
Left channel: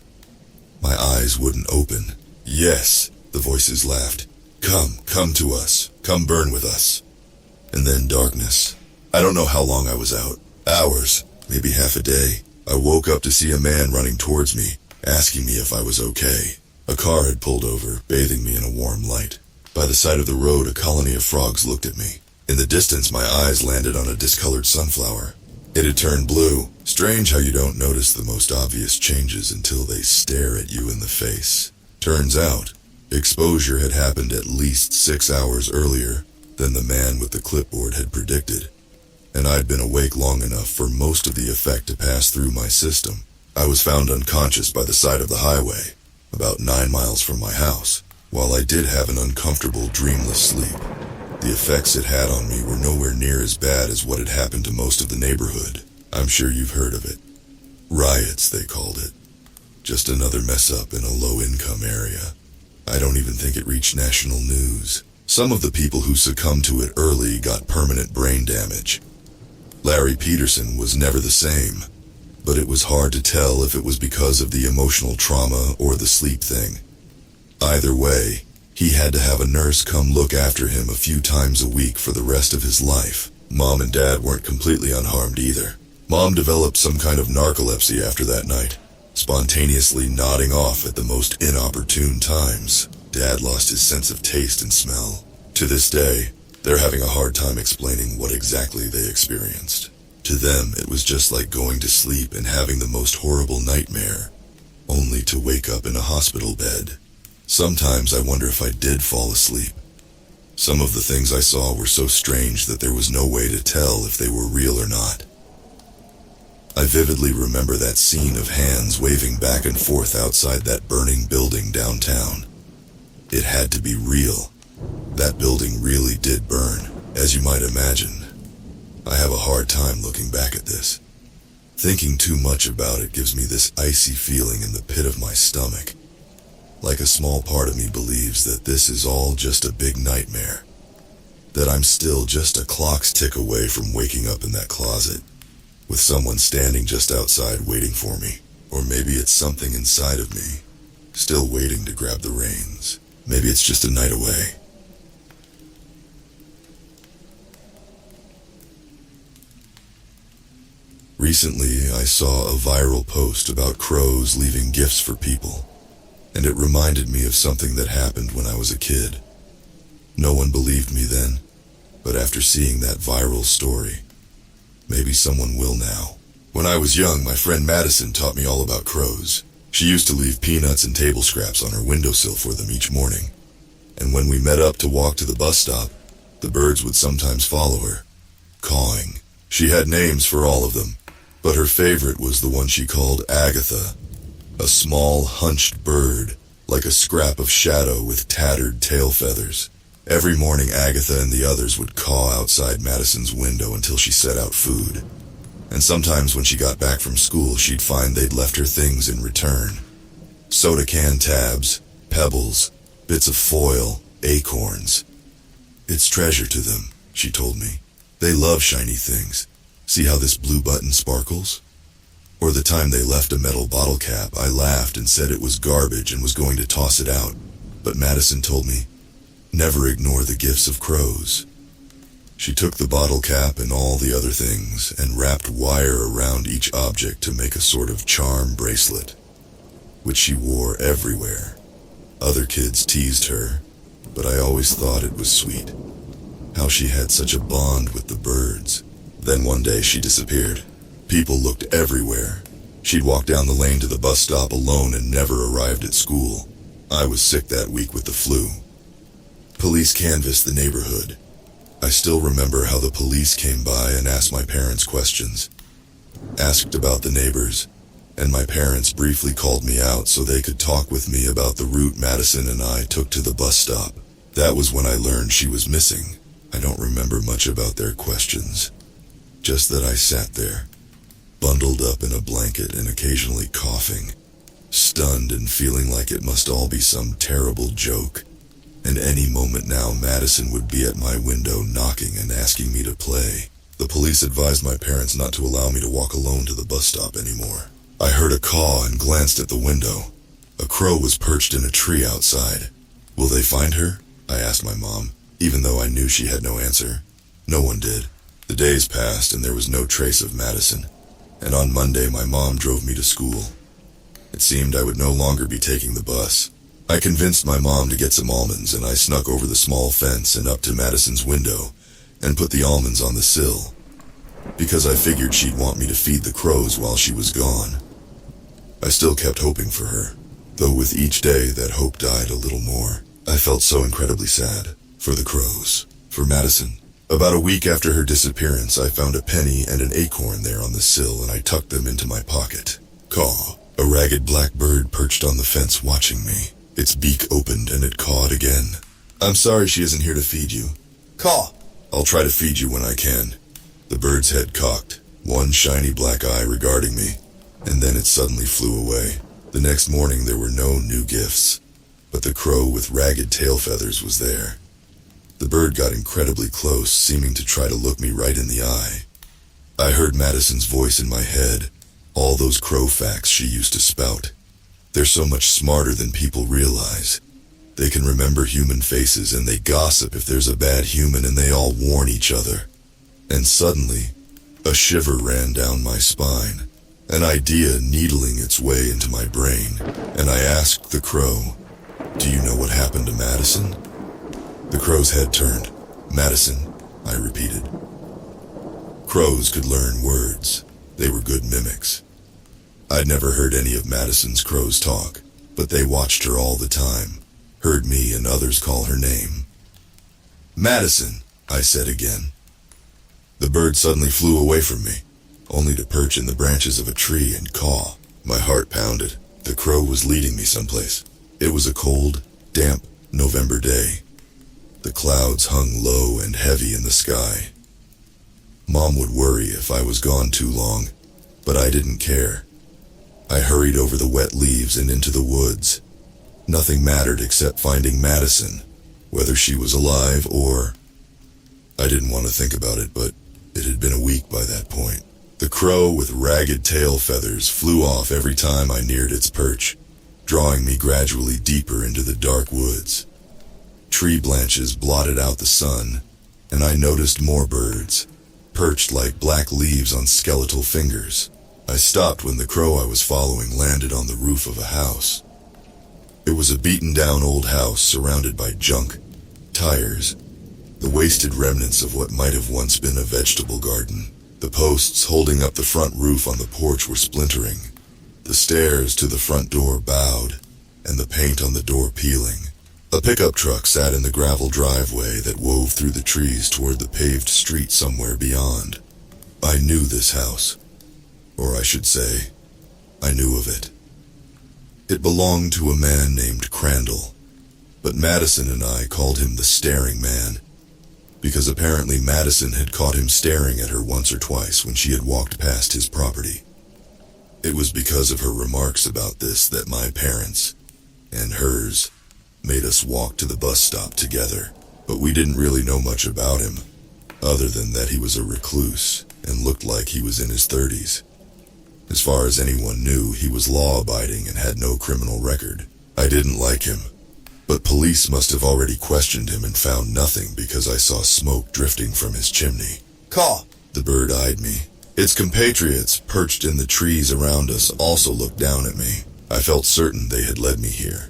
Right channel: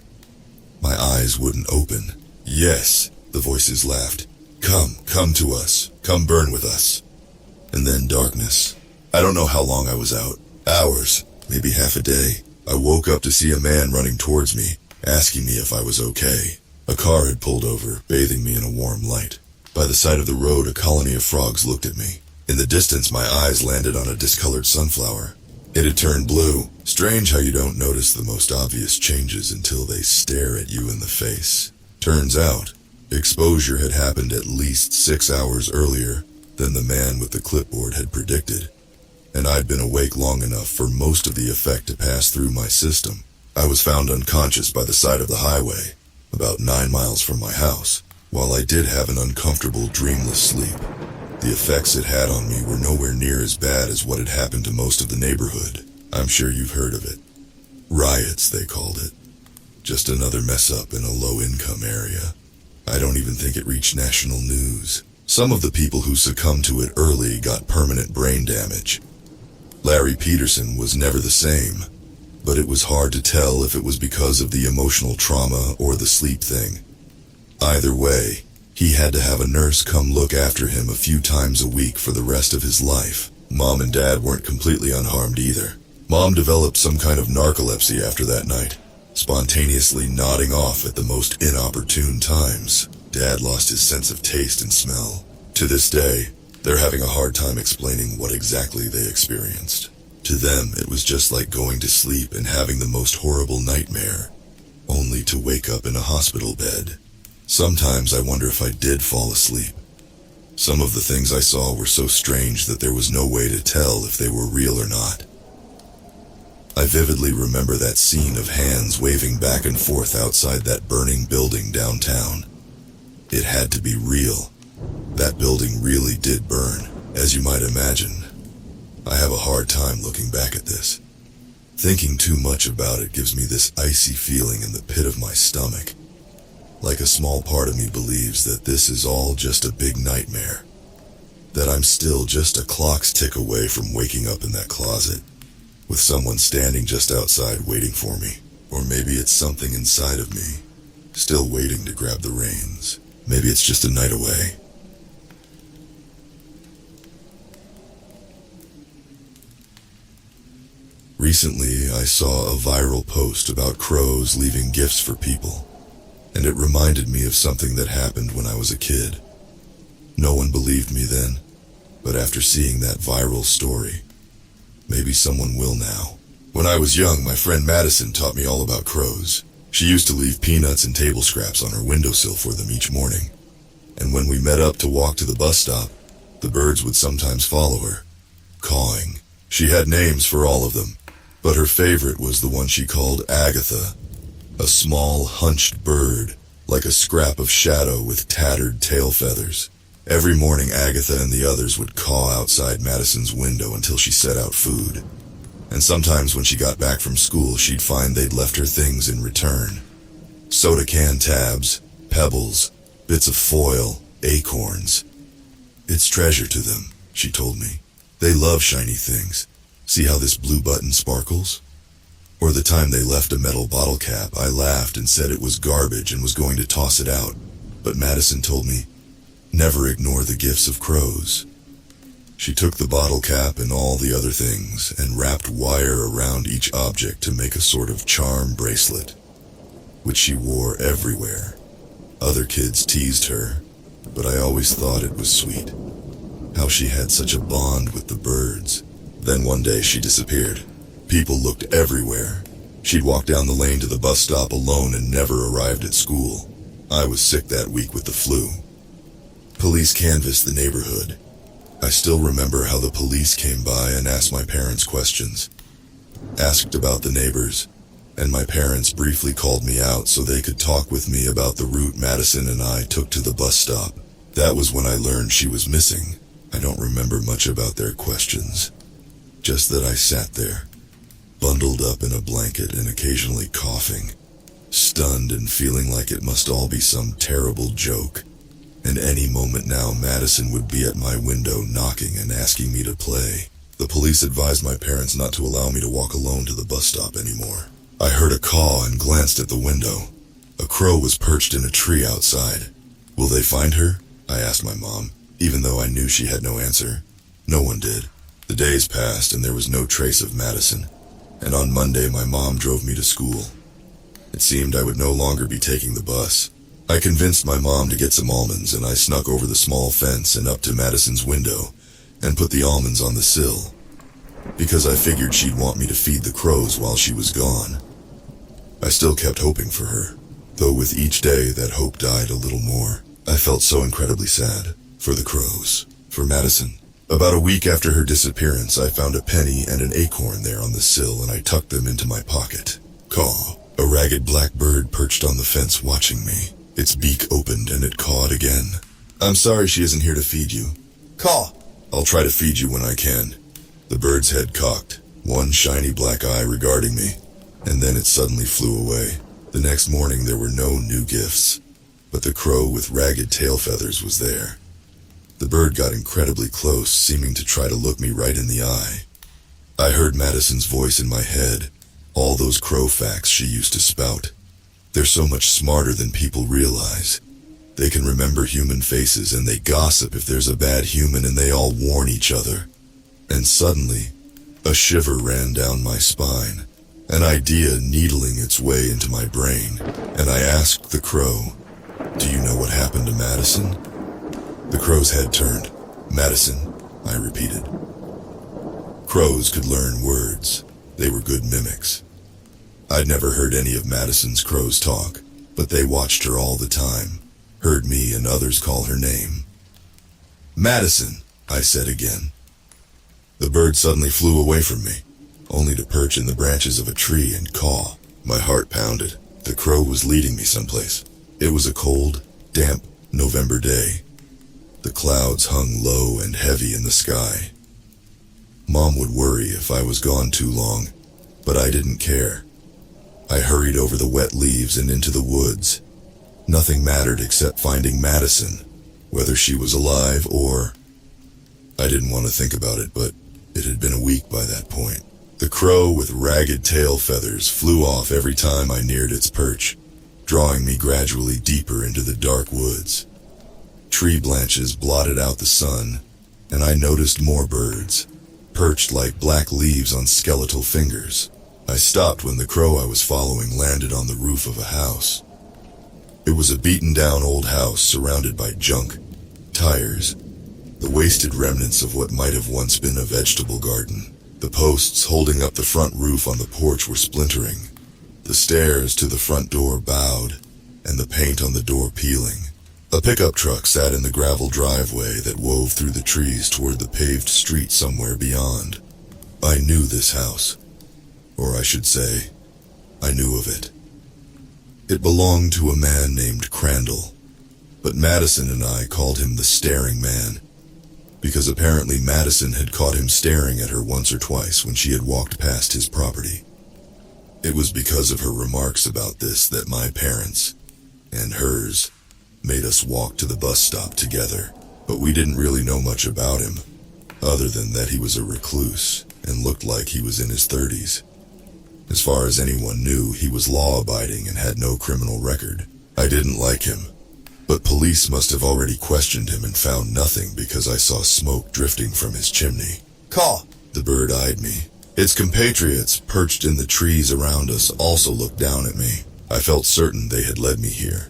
My eyes wouldn't open. "Yes," the voices laughed. Come to us. Come burn with us." And then darkness. I don't know how long I was out. Hours, maybe half a day. I woke up to see a man running towards me, asking me if I was okay. A car had pulled over, bathing me in a warm light. By the side of the road, a colony of frogs looked at me. In the distance, my eyes landed on a discolored sunflower. It had turned blue. Strange how you don't notice the most obvious changes until they stare at you in the face. Turns out, exposure had happened at least 6 hours earlier than the man with the clipboard had predicted, and I'd been awake long enough for most of the effect to pass through my system. I was found unconscious by the side of the highway, about 9 miles from my house. While I did have an uncomfortable, dreamless sleep, the effects it had on me were nowhere near as bad as what had happened to most of the neighborhood. I'm sure you've heard of it. Riots, they called it. Just another mess-up in a low-income area. I don't even think it reached national news. Some of the people who succumbed to it early got permanent brain damage. Larry Peterson was never the same, but it was hard to tell if it was because of the emotional trauma or the sleep thing. Either way, he had to have a nurse come look after him a few times a week for the rest of his life. Mom and Dad weren't completely unharmed either. Mom developed some kind of narcolepsy after that night, spontaneously nodding off at the most inopportune times. Dad lost his sense of taste and smell. To this day, they're having a hard time explaining what exactly they experienced. To them, it was just like going to sleep and having the most horrible nightmare, only to wake up in a hospital bed. Sometimes I wonder if I did fall asleep. Some of the things I saw were so strange that there was no way to tell if they were real or not. I vividly remember that scene of hands waving back and forth outside that burning building downtown. It had to be real. That building really did burn, as you might imagine. I have a hard time looking back at this. Thinking too much about it gives me this icy feeling in the pit of my stomach. Like a small part of me believes that this is all just a big nightmare. That I'm still just a clock's tick away from waking up in that closet, with someone standing just outside waiting for me. Or maybe it's something inside of me, still waiting to grab the reins. Maybe it's just a night away. Recently, I saw a viral post about crows leaving gifts for people, and it reminded me of something that happened when I was a kid. No one believed me then, But after seeing that viral story, maybe someone will now. When I was young, my friend Madison taught me all about crows. She used to leave peanuts and table scraps on her windowsill for them each morning. And when we met up to walk to the bus stop, the birds would sometimes follow her, cawing. She had names for all of them, but her favorite was the one she called Agatha, a small, hunched bird, like a scrap of shadow with tattered tail feathers. Every morning, Agatha and the others would caw outside Madison's window until she set out food. And sometimes when she got back from school, she'd find they'd left her things in return. Soda can tabs, pebbles, bits of foil, acorns. It's treasure to them, she told me. They love shiny things. See how this blue button sparkles? Or the time they left a metal bottle cap, I laughed and said it was garbage and was going to toss it out. But Madison told me, never ignore the gifts of crows. She took the bottle cap and all the other things and wrapped wire around each object to make a sort of charm bracelet, which she wore everywhere. Other kids teased her, but I always thought it was sweet, how she had such a bond with the birds. Then one day she disappeared. People looked everywhere. She'd walk down the lane to the bus stop alone and never arrived at school. I was sick that week with the flu. Police canvassed the neighborhood. I still remember how the police came by and asked my parents questions, asked about the neighbors, and my parents briefly called me out so they could talk with me about the route Madison and I took to the bus stop. That was when I learned she was missing. I don't remember much about their questions, just that I sat there, bundled up in a blanket and occasionally coughing, stunned and feeling like it must all be some terrible joke. And any moment now, Madison would be at my window knocking and asking me to play. The police advised my parents not to allow me to walk alone to the bus stop anymore. I heard a caw and glanced at the window. A crow was perched in a tree outside. Will they find her? I asked my mom, even though I knew she had no answer. No one did. The days passed and there was no trace of Madison. And on Monday, my mom drove me to school. It seemed I would no longer be taking the bus. I convinced my mom to get some almonds, and I snuck over the small fence and up to Madison's window and put the almonds on the sill, because I figured she'd want me to feed the crows while she was gone. I still kept hoping for her, though with each day that hope died a little more. I felt so incredibly sad for the crows, for Madison. About a week after her disappearance, I found a penny and an acorn there on the sill, and I tucked them into my pocket. Caw. A ragged black bird perched on the fence watching me. Its beak opened and it cawed again. I'm sorry she isn't here to feed you. Caw. I'll try to feed you when I can. The bird's head cocked, one shiny black eye regarding me, and then it suddenly flew away. The next morning there were no new gifts, but the crow with ragged tail feathers was there. The bird got incredibly close, seeming to try to look me right in the eye. I heard Madison's voice in my head, all those crow facts she used to spout. They're so much smarter than people realize. They can remember human faces and they gossip if there's a bad human and they all warn each other. And suddenly, a shiver ran down my spine, an idea needling its way into my brain, and I asked the crow, "Do you know what happened to Madison?" The crow's head turned. "Madison," I repeated. Crows could learn words. They were good mimics. I'd never heard any of Madison's crows talk, but they watched her all the time, heard me and others call her name. "Madison," I said again. The bird suddenly flew away from me, only to perch in the branches of a tree and caw. My heart pounded. The crow was leading me someplace. It was a cold, damp November day. The clouds hung low and heavy in the sky. Mom would worry if I was gone too long, but I didn't care. I hurried over the wet leaves and into the woods. Nothing mattered except finding Madison, whether she was alive or... I didn't want to think about it, but it had been a week by that point. The crow with ragged tail feathers flew off every time I neared its perch, drawing me gradually deeper into the dark woods. Tree branches blotted out the sun, and I noticed more birds, perched like black leaves on skeletal fingers. I stopped when the crow I was following landed on the roof of a house. It was a beaten-down old house surrounded by junk, tires, the wasted remnants of what might have once been a vegetable garden. The posts holding up the front roof on the porch were splintering. The stairs to the front door bowed, and the paint on the door peeling. A pickup truck sat in the gravel driveway that wove through the trees toward the paved street somewhere beyond. I knew this house. Or I should say, I knew of it. It belonged to a man named Crandall, but Madison and I called him the Staring Man, because apparently Madison had caught him staring at her once or twice when she had walked past his property. It was because of her remarks about this that my parents, and hers, made us walk to the bus stop together, but we didn't really know much about him, other than that he was a recluse and looked like he was in his 30s. As far as anyone knew, he was law-abiding and had no criminal record. I didn't like him, but police must have already questioned him and found nothing because I saw smoke drifting from his chimney. "Caw," the bird eyed me. Its compatriots, perched in the trees around us, also looked down at me. I felt certain they had led me here,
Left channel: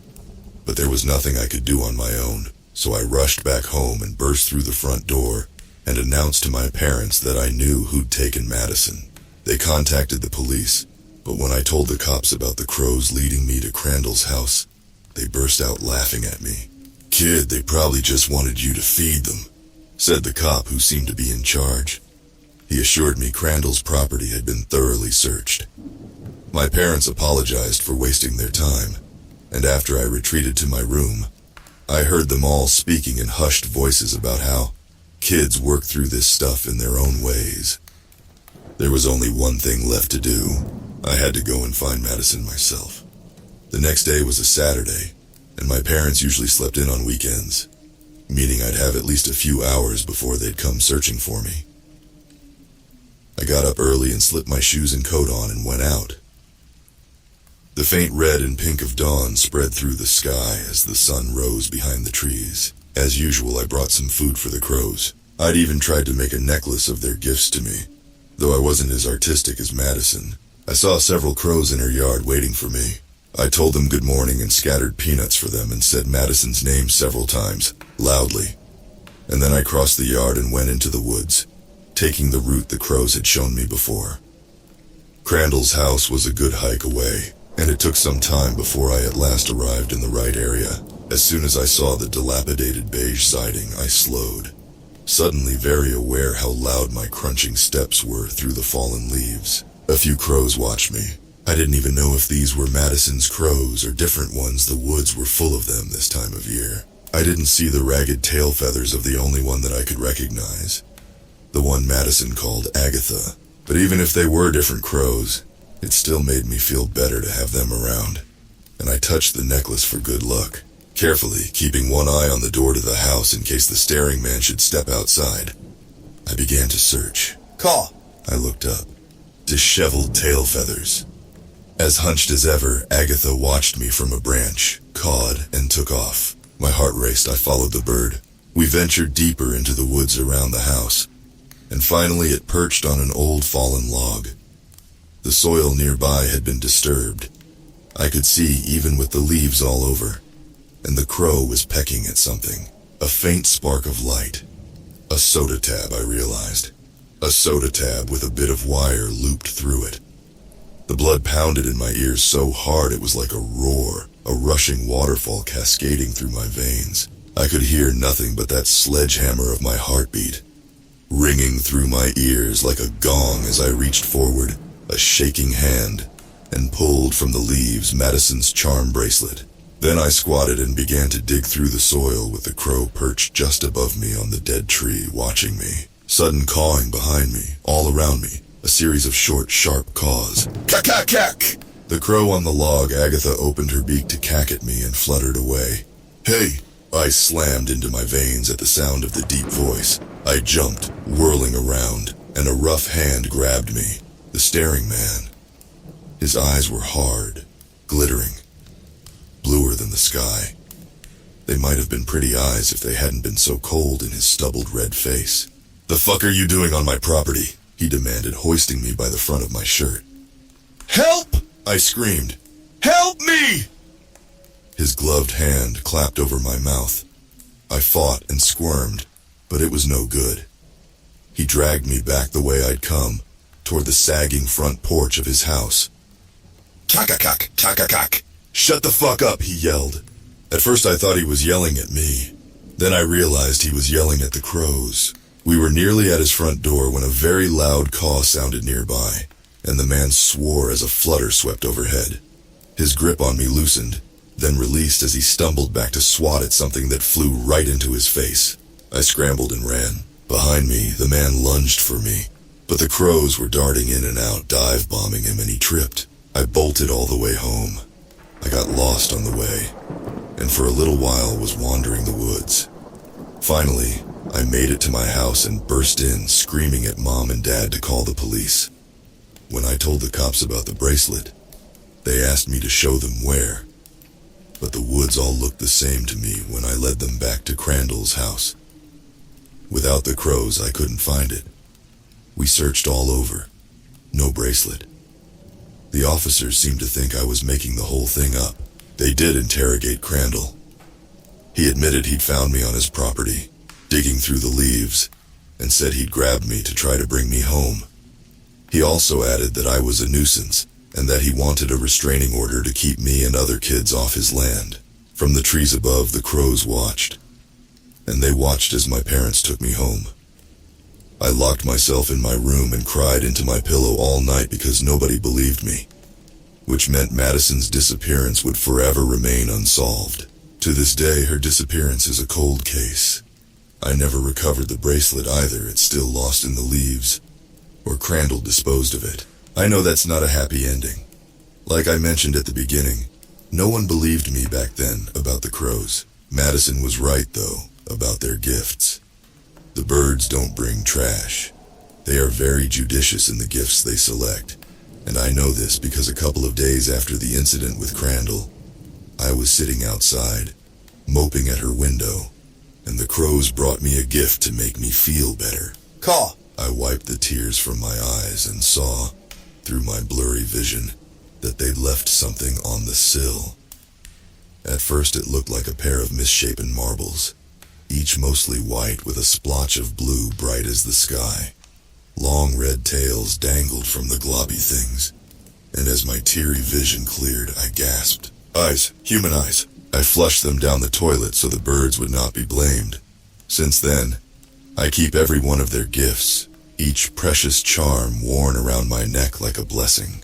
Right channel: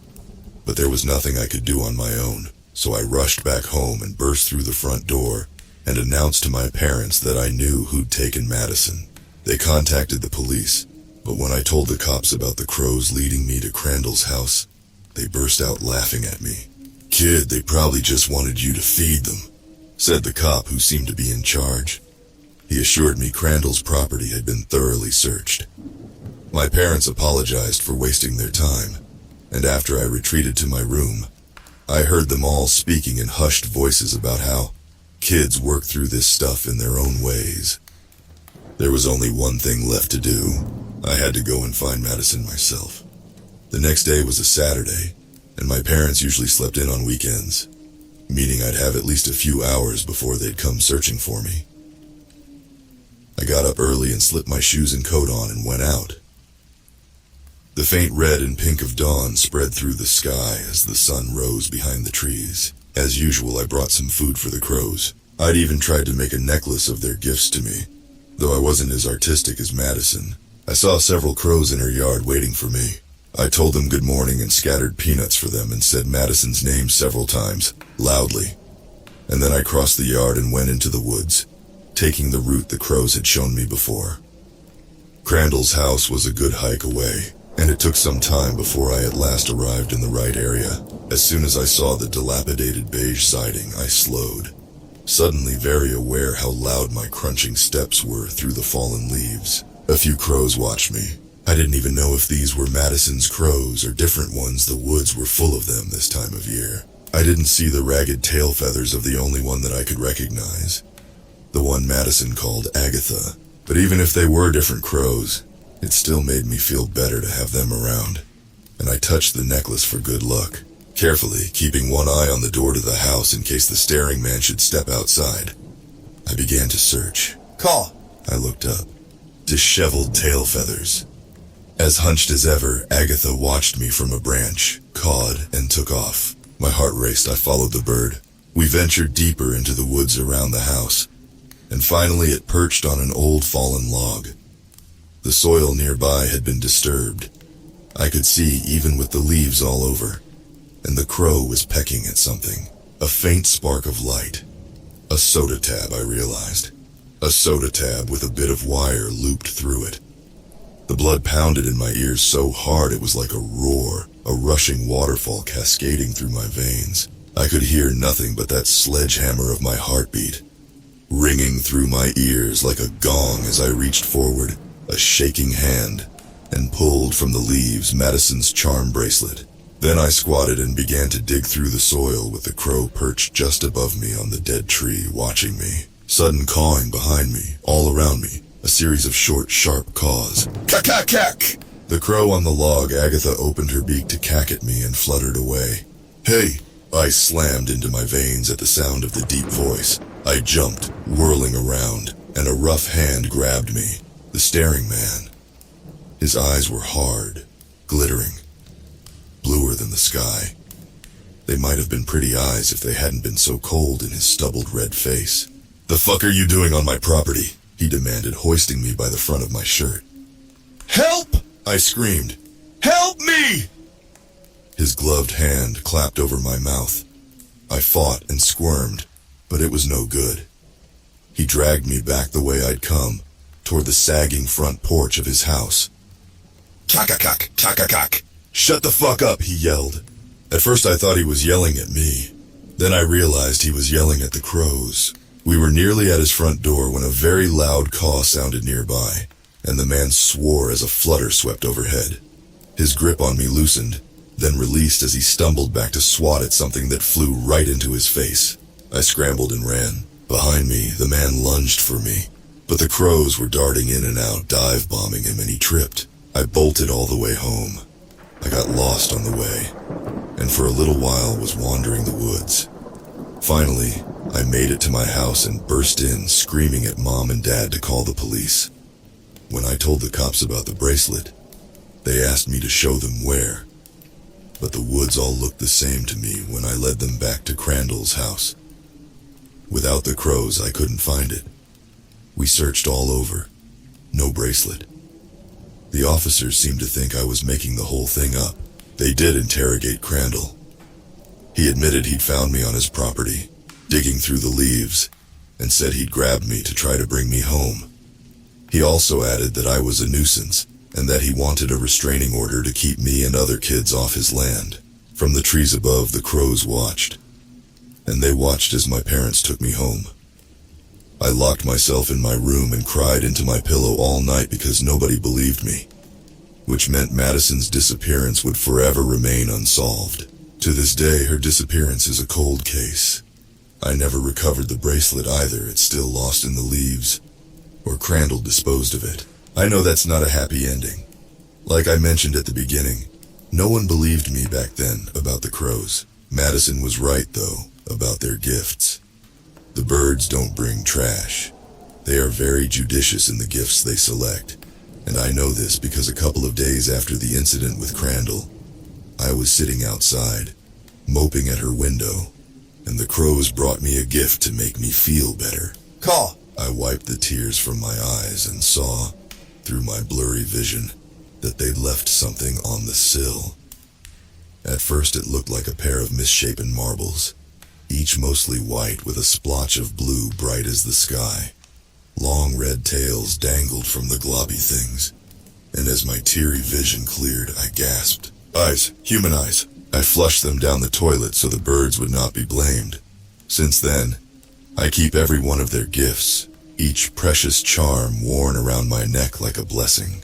but there was nothing I could do on my own, so I rushed back home and burst through the front door and announced to my parents that I knew who'd taken Madison. They contacted the police, but when I told the cops about the crows leading me to Crandall's house, they burst out laughing at me. "Kid, they probably just wanted you to feed them," said the cop who seemed to be in charge. He assured me Crandall's property had been thoroughly searched. My parents apologized for wasting their time, and after I retreated to my room, I heard them all speaking in hushed voices about how kids work through this stuff in their own ways. There was only one thing left to do. I had to go and find Madison myself. The next day was a Saturday, and my parents usually slept in on weekends, meaning I'd have at least a few hours before they'd come searching for me. I got up early and slipped my shoes and coat on and went out. The faint red and pink of dawn spread through the sky as the sun rose behind the trees. As usual, I brought some food for the crows. I'd even tried to make a necklace of their gifts to me, though I wasn't as artistic as Madison. I saw several crows in her yard waiting for me. I told them good morning and scattered peanuts for them and said Madison's name several times, loudly. And then I crossed the yard and went into the woods, taking the route the crows had shown me before. Crandall's house was a good hike away, and it took some time before I at last arrived in the right area. As soon as I saw the dilapidated beige siding, I slowed, suddenly very aware how loud my crunching steps were through the fallen leaves. A few crows watched me. I didn't even know if these were Madison's crows or different ones. The woods were full of them this time of year. I didn't see the ragged tail feathers of the only one that I could recognize, the one Madison called Agatha. But even if they were different crows, it still made me feel better to have them around, and I touched the necklace for good luck, carefully keeping one eye on the door to the house in case the staring man should step outside. I began to search. "Caw!" I looked up. Disheveled tail feathers. As hunched as ever, Agatha watched me from a branch, cawed, and took off. My heart raced. I followed the bird. We ventured deeper into the woods around the house, and finally it perched on an old fallen log. The soil nearby had been disturbed. I could see even with the leaves all over, and the crow was pecking at something. A faint spark of light. A soda tab, I realized. A soda tab with a bit of wire looped through it. The blood pounded in my ears so hard it was like a roar, a rushing waterfall cascading through my veins. I could hear nothing but that sledgehammer of my heartbeat, ringing through my ears like a gong as I reached forward, a shaking hand, and pulled from the leaves Madison's charm bracelet. Then I squatted and began to dig through the soil with the crow perched just above me on the dead tree, watching me. Sudden cawing behind me, all around me, a series of short, sharp caws. Cack-cack-cack! The crow on the log, Agatha, opened her beak to cack at me and fluttered away. "Hey!" I slammed into my veins at the sound of the deep voice. I jumped, whirling around, and a rough hand grabbed me. The staring man. His eyes were hard, glittering, bluer than the sky. They might have been pretty eyes if they hadn't been so cold in his stubbled red face. "The fuck are you doing on my property?" he demanded, hoisting me by the front of my shirt. "Help!" I screamed. "Help me!" His gloved hand clapped over my mouth. I fought and squirmed, but it was no good. He dragged me back the way I'd come, toward the sagging front porch of his house. "Kakakak, kakakak. Shut the fuck up," he yelled. At first I thought he was yelling at me. Then I realized he was yelling at the crows. We were nearly at his front door when a very loud caw sounded nearby, and the man swore as a flutter swept overhead. His grip on me loosened, then released as he stumbled back to swat at something that flew right into his face. I scrambled and ran. Behind me, the man lunged for me, but the crows were darting in and out, dive-bombing him, and he tripped. I bolted all the way home. I got lost on the way, and for a little while was wandering the woods. Finally, I made it to my house and burst in, screaming at Mom and Dad to call the police. When I told the cops about the bracelet, they asked me to show them where, but the woods all looked the same to me when I led them back to Crandall's house. Without the crows, I couldn't find it. We searched all over. No bracelet. The officers seemed to think I was making the whole thing up. They did interrogate Crandall. He admitted he'd found me on his property, digging through the leaves, and said he'd grabbed me to try to bring me home. He also added that I was a nuisance, and that he wanted a restraining order to keep me and other kids off his land. From the trees above, the crows watched, and they watched as my parents took me home. I locked myself in my room and cried into my pillow all night because nobody believed me, which meant Madison's disappearance would forever remain unsolved. To this day, her disappearance is a cold case. I never recovered the bracelet either. It's still lost in the leaves, or Crandall disposed of it. I know that's not a happy ending. Like I mentioned at the beginning, no one believed me back then about the crows. Madison was right, though, about their gifts. The birds don't bring trash. They are very judicious in the gifts they select. And I know this because a couple of days after the incident with Crandall, I was sitting outside, moping at her window, and the crows brought me a gift to make me feel better. Caw! I wiped the tears from my eyes and saw, through my blurry vision, that they'd left something on the sill. At first it looked like a pair of misshapen marbles, each mostly white with a splotch of blue bright as the sky. Long red tails dangled from the globby things, and as my teary vision cleared, I gasped. Eyes, human eyes. I flushed them down the toilet so the birds would not be blamed. Since then, I keep every one of their gifts, each precious charm worn around my neck like a blessing.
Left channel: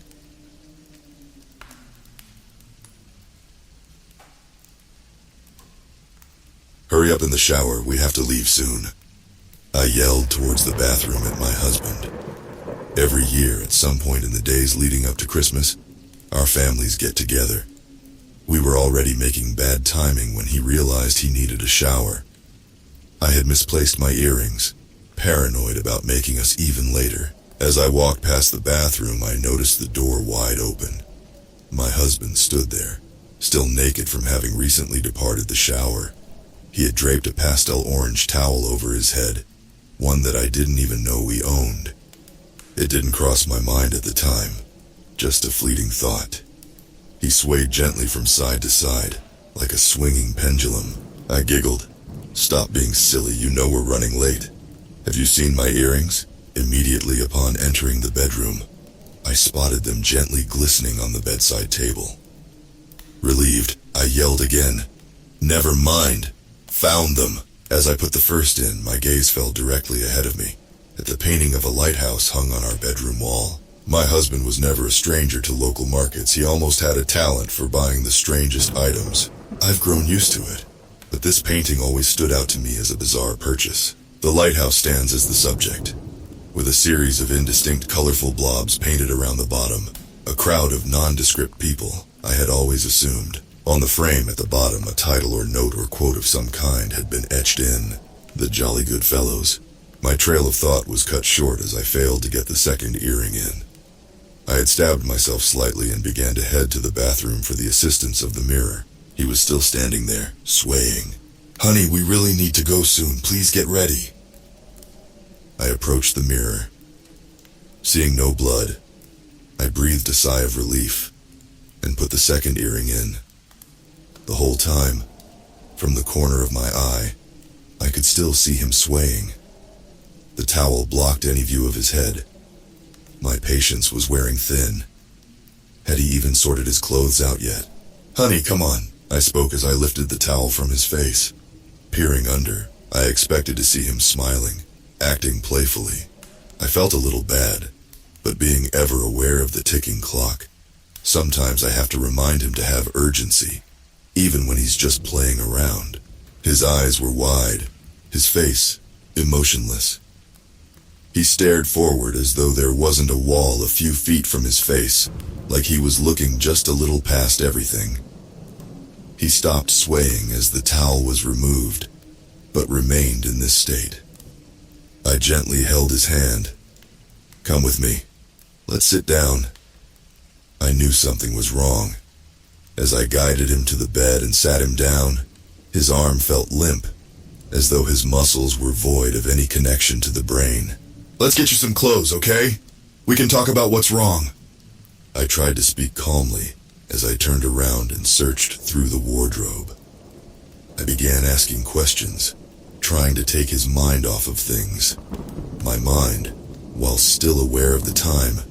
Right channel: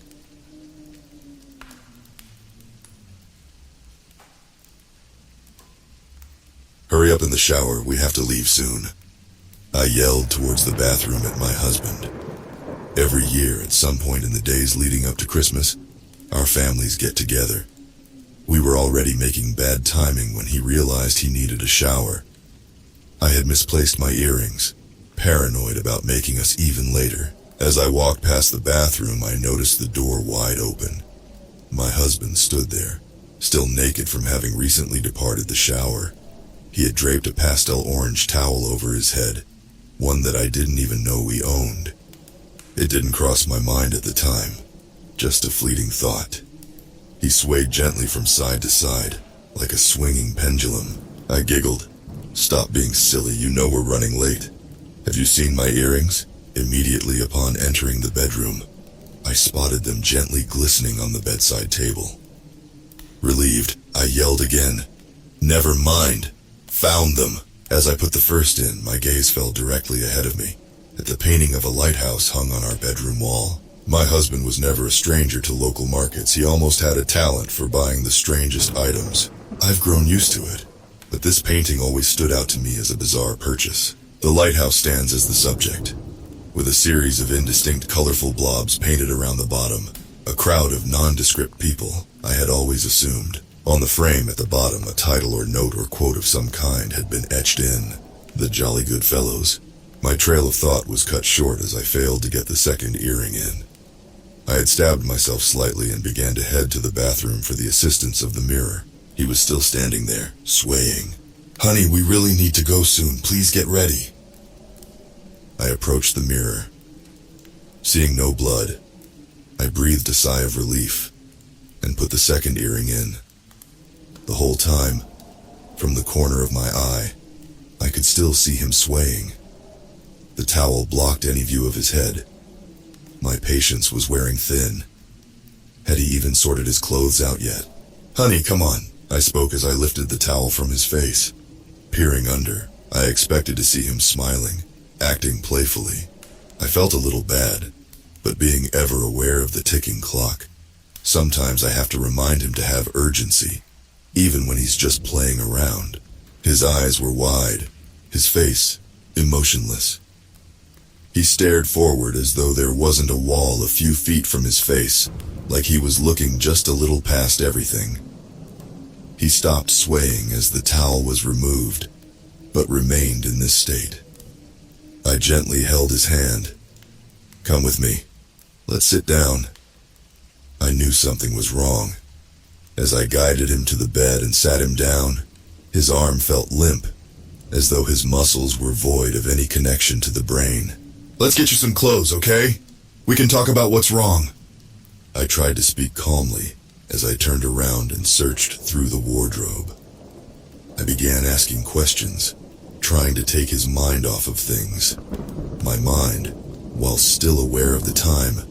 Hurry up in the shower, we have to leave soon. I yelled towards the bathroom at my husband. Every year, at some point in the days leading up to Christmas, our families get together. We were already making bad timing when he realized he needed a shower. I had misplaced my earrings, paranoid about making us even later. As I walked past the bathroom, I noticed the door wide open. My husband stood there, still naked from having recently departed the shower. He had draped a pastel orange towel over his head, one that I didn't even know he owned. It didn't cross my mind at the time, just a fleeting thought. He swayed gently from side to side, like a swinging pendulum. I giggled. Stop being silly, you know we're running late. Have you seen my earrings? Immediately upon entering the bedroom, I spotted them gently glistening on the bedside table. Relieved, I yelled again. Never mind. Found them. As I put the first in, my gaze fell directly ahead of me, at the painting of a lighthouse hung on our bedroom wall. My husband was never a stranger to local markets. He almost had a talent for buying the strangest items. I've grown used to it, but this painting always stood out to me as a bizarre purchase. The lighthouse stands as the subject, with a series of indistinct colorful blobs painted around the bottom. A crowd of nondescript people, I had always assumed. On the frame at the bottom, a title or note or quote of some kind had been etched in. The Jolly Good Fellows. My trail of thought was cut short as I failed to get the second earring in. I had stabbed myself slightly and began to head to the bathroom for the assistance of the mirror. He was still standing there, swaying. Honey, we really need to go soon. Please get ready. I approached the mirror. Seeing no blood, I breathed a sigh of relief and put the second earring in. The whole time, from the corner of my eye, I could still see him swaying. The towel blocked any view of his head. My patience was wearing thin. Had he even sorted his clothes out yet? "Honey, come on," I spoke as I lifted the towel from his face. Peering under, I expected to see him smiling, acting playfully. I felt a little bad, but being ever aware of the ticking clock, sometimes I have to remind him to have urgency, even when he's just playing around. His eyes were wide, his face emotionless. He stared forward as though there wasn't a wall a few feet from his face, like he was looking just a little past everything. He stopped swaying as the towel was removed, but remained in this state. I gently held his hand. "Come with me. Let's sit down." I knew something was wrong. As I guided him to the bed and sat him down, his arm felt limp, as though his muscles were void of any connection to the brain. "Let's get you some clothes, okay? We can talk about what's wrong." I tried to speak calmly as I turned around and searched through the wardrobe. I began asking questions, trying to take his mind off of things. My mind, while still aware of the time,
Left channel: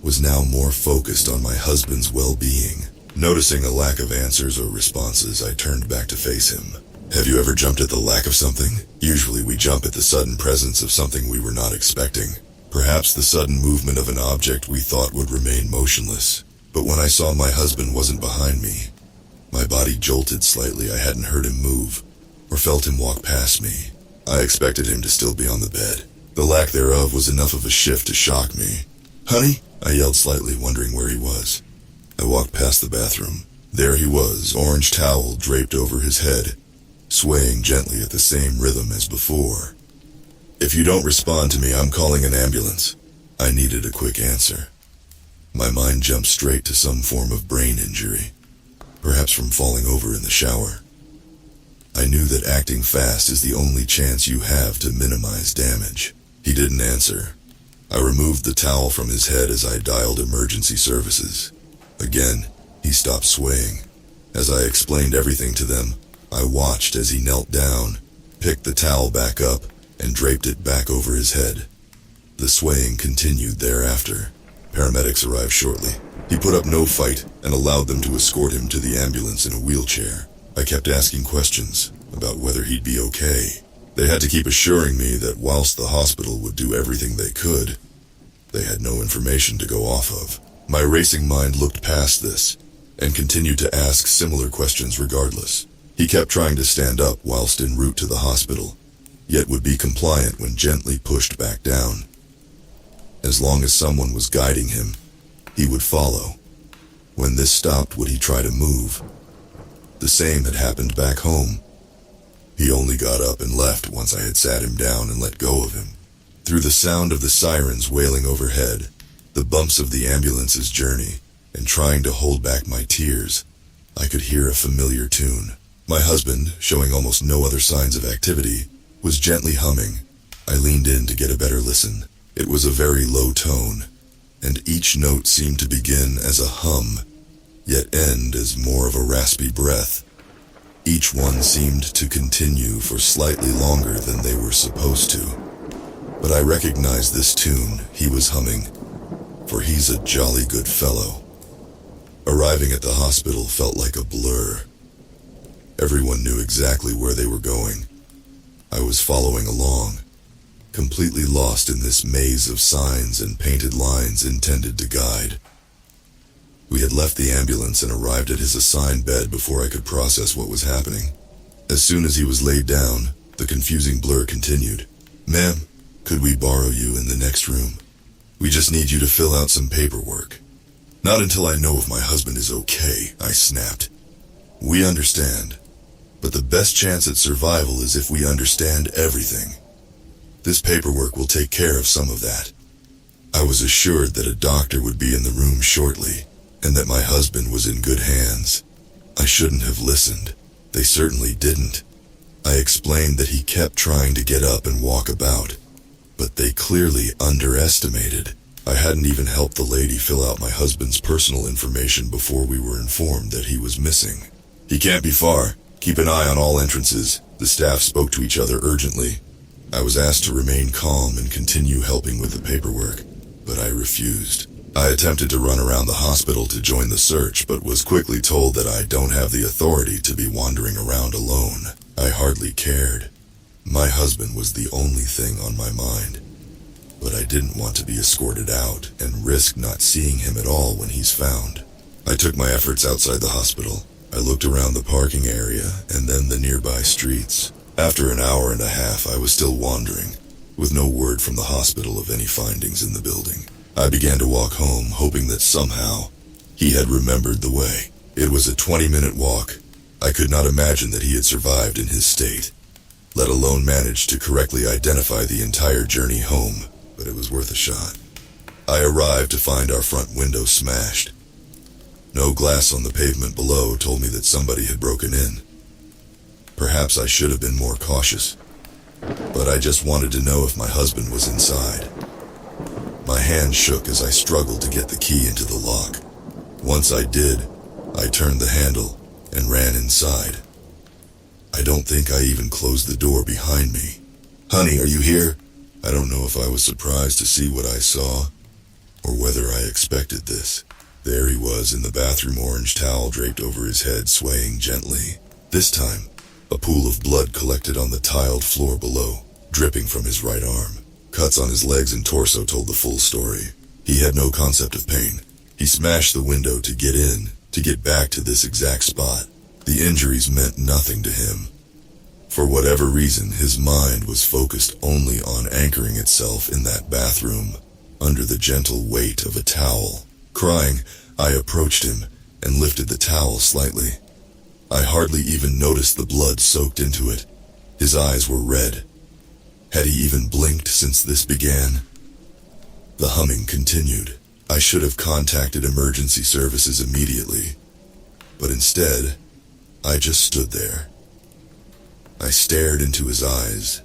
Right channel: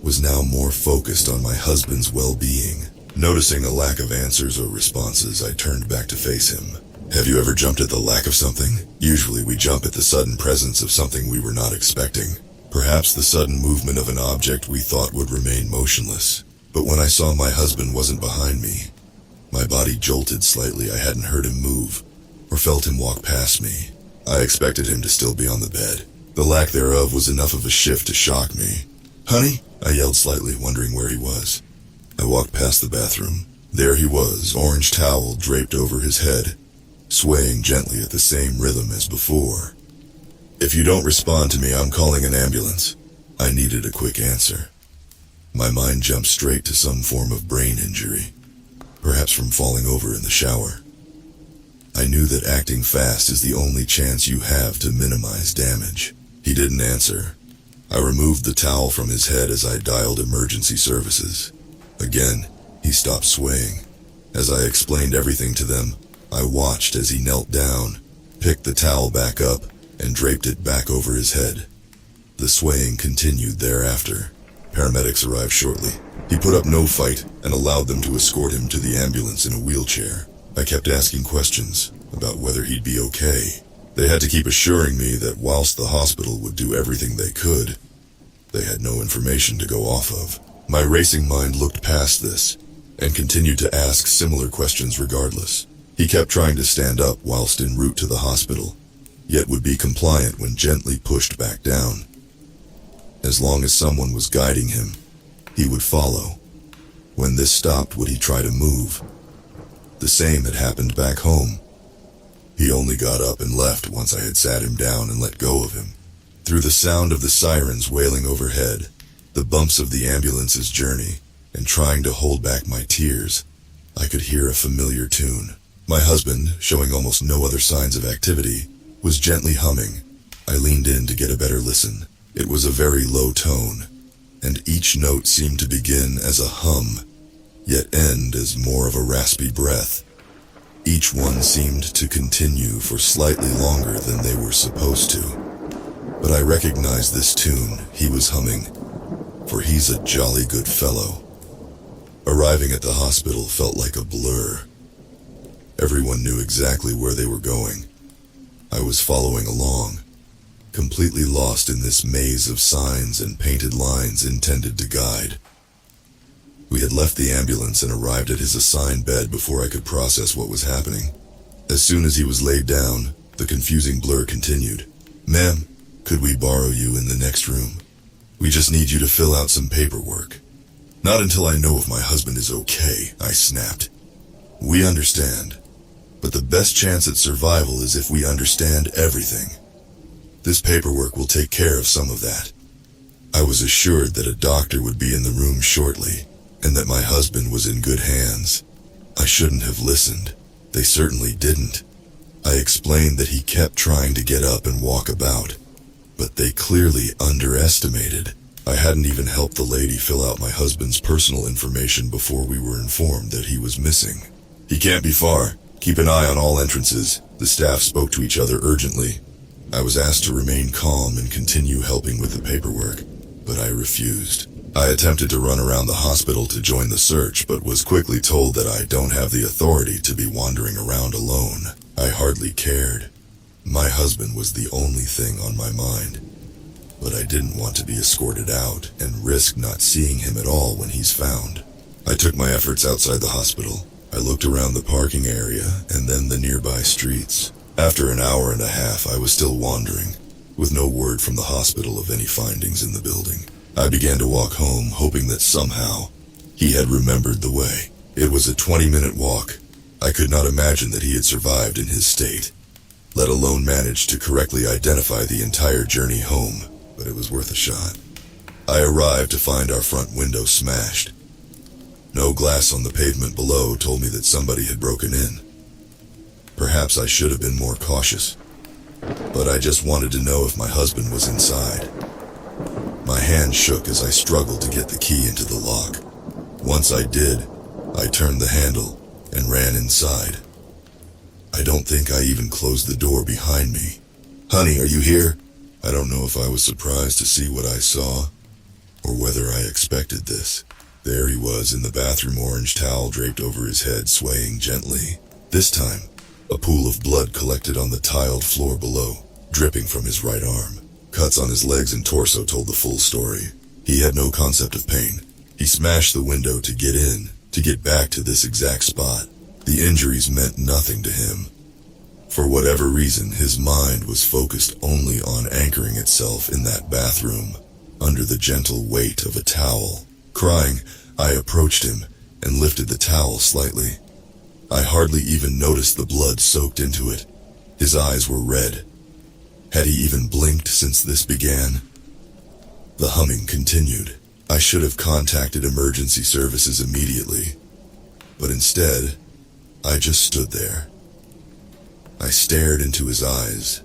was now more focused on my husband's well-being. Noticing a lack of answers or responses, I turned back to face him. "Have you ever jumped at the lack of something? Usually we jump at the sudden presence of something we were not expecting. Perhaps the sudden movement of an object we thought would remain motionless. But when I saw my husband wasn't behind me, my body jolted slightly. I hadn't heard him move, or felt him walk past me. I expected him to still be on the bed. The lack thereof was enough of a shift to shock me. "Honey?" I yelled slightly, wondering where he was. I walked past the bathroom. There he was, orange towel draped over his head, swaying gently at the same rhythm as before. "If you don't respond to me, I'm calling an ambulance." I needed a quick answer. My mind jumped straight to some form of brain injury, perhaps from falling over in the shower. I knew that acting fast is the only chance you have to minimize damage. He didn't answer. I removed the towel from his head as I dialed emergency services. Again, he stopped swaying. As I explained everything to them, I watched as he knelt down, picked the towel back up, and draped it back over his head. The swaying continued thereafter. Paramedics arrived shortly. He put up no fight and allowed them to escort him to the ambulance in a wheelchair. I kept asking questions about whether he'd be okay. They had to keep assuring me that whilst the hospital would do everything they could, they had no information to go off of. My racing mind looked past this and continued to ask similar questions regardless. He kept trying to stand up whilst en route to the hospital, yet would be compliant when gently pushed back down. As long as someone was guiding him, he would follow. When this stopped, would he try to move? The same had happened back home. He only got up and left once I had sat him down and let go of him. Through the sound of the sirens wailing overhead, the bumps of the ambulance's journey, and trying to hold back my tears, I could hear a familiar tune. My husband, showing almost no other signs of activity, was gently humming. I leaned in to get a better listen. It was a very low tone, and each note seemed to begin as a hum, yet end as more of a raspy breath. Each one seemed to continue for slightly longer than they were supposed to. But I recognized this tune he was humming, for he's a jolly good fellow. Arriving at the hospital felt like a blur. Everyone knew exactly where they were going. I was following along, completely lost in this maze of signs and painted lines intended to guide. We had left the ambulance and arrived at his assigned bed before I could process what was happening. As soon as he was laid down, the confusing blur continued. "Ma'am, could we borrow you in the next room? We just need you to fill out some paperwork." "Not until I know if my husband is okay," I snapped. "We understand, but the best chance at survival is if we understand everything. This paperwork will take care of some of that." I was assured that a doctor would be in the room shortly, and that my husband was in good hands. I shouldn't have listened. They certainly didn't. I explained that he kept trying to get up and walk about, but they clearly underestimated. I hadn't even helped the lady fill out my husband's personal information before we were informed that he was missing. "He can't be far. Keep an eye on all entrances. The staff spoke to each other urgently. I was asked to remain calm and continue helping with the paperwork, but I refused. I attempted to run around the hospital to join the search, but was quickly told that I don't have the authority to be wandering around alone. I hardly cared. My husband was the only thing on my mind. But I didn't want to be escorted out and risk not seeing him at all when he's found. I took my efforts outside the hospital. I looked around the parking area and then the nearby streets. After an hour and a half, I was still wandering, with no word from the hospital of any findings in the building. I began to walk home, hoping that somehow he had remembered the way. It was a 20-minute walk. I could not imagine that he had survived in his state, let alone managed to correctly identify the entire journey home, but it was worth a shot. I arrived to find our front window smashed. No glass on the pavement below told me that somebody had broken in. Perhaps I should have been more cautious, but I just wanted to know if my husband was inside. My hand shook as I struggled to get the key into the lock. Once I did, I turned the handle and ran inside. I don't think I even closed the door behind me. "Honey, are you here?" I don't know if I was surprised to see what I saw, or whether I expected this. There he was in the bathroom, orange towel draped over his head, swaying gently. This time, a pool of blood collected on the tiled floor below, dripping from his right arm. Cuts on his legs and torso told the full story. He had no concept of pain. He smashed the window to get in, to get back to this exact spot. The injuries meant nothing to him. For whatever reason, his mind was focused only on anchoring itself in that bathroom, under the gentle weight of a towel. Crying, I approached him and lifted the towel slightly. I hardly even noticed the blood soaked into it. His eyes were red. Had he even blinked since this began? The humming continued. I should have contacted emergency services immediately, but instead, I just stood there. I stared into his eyes,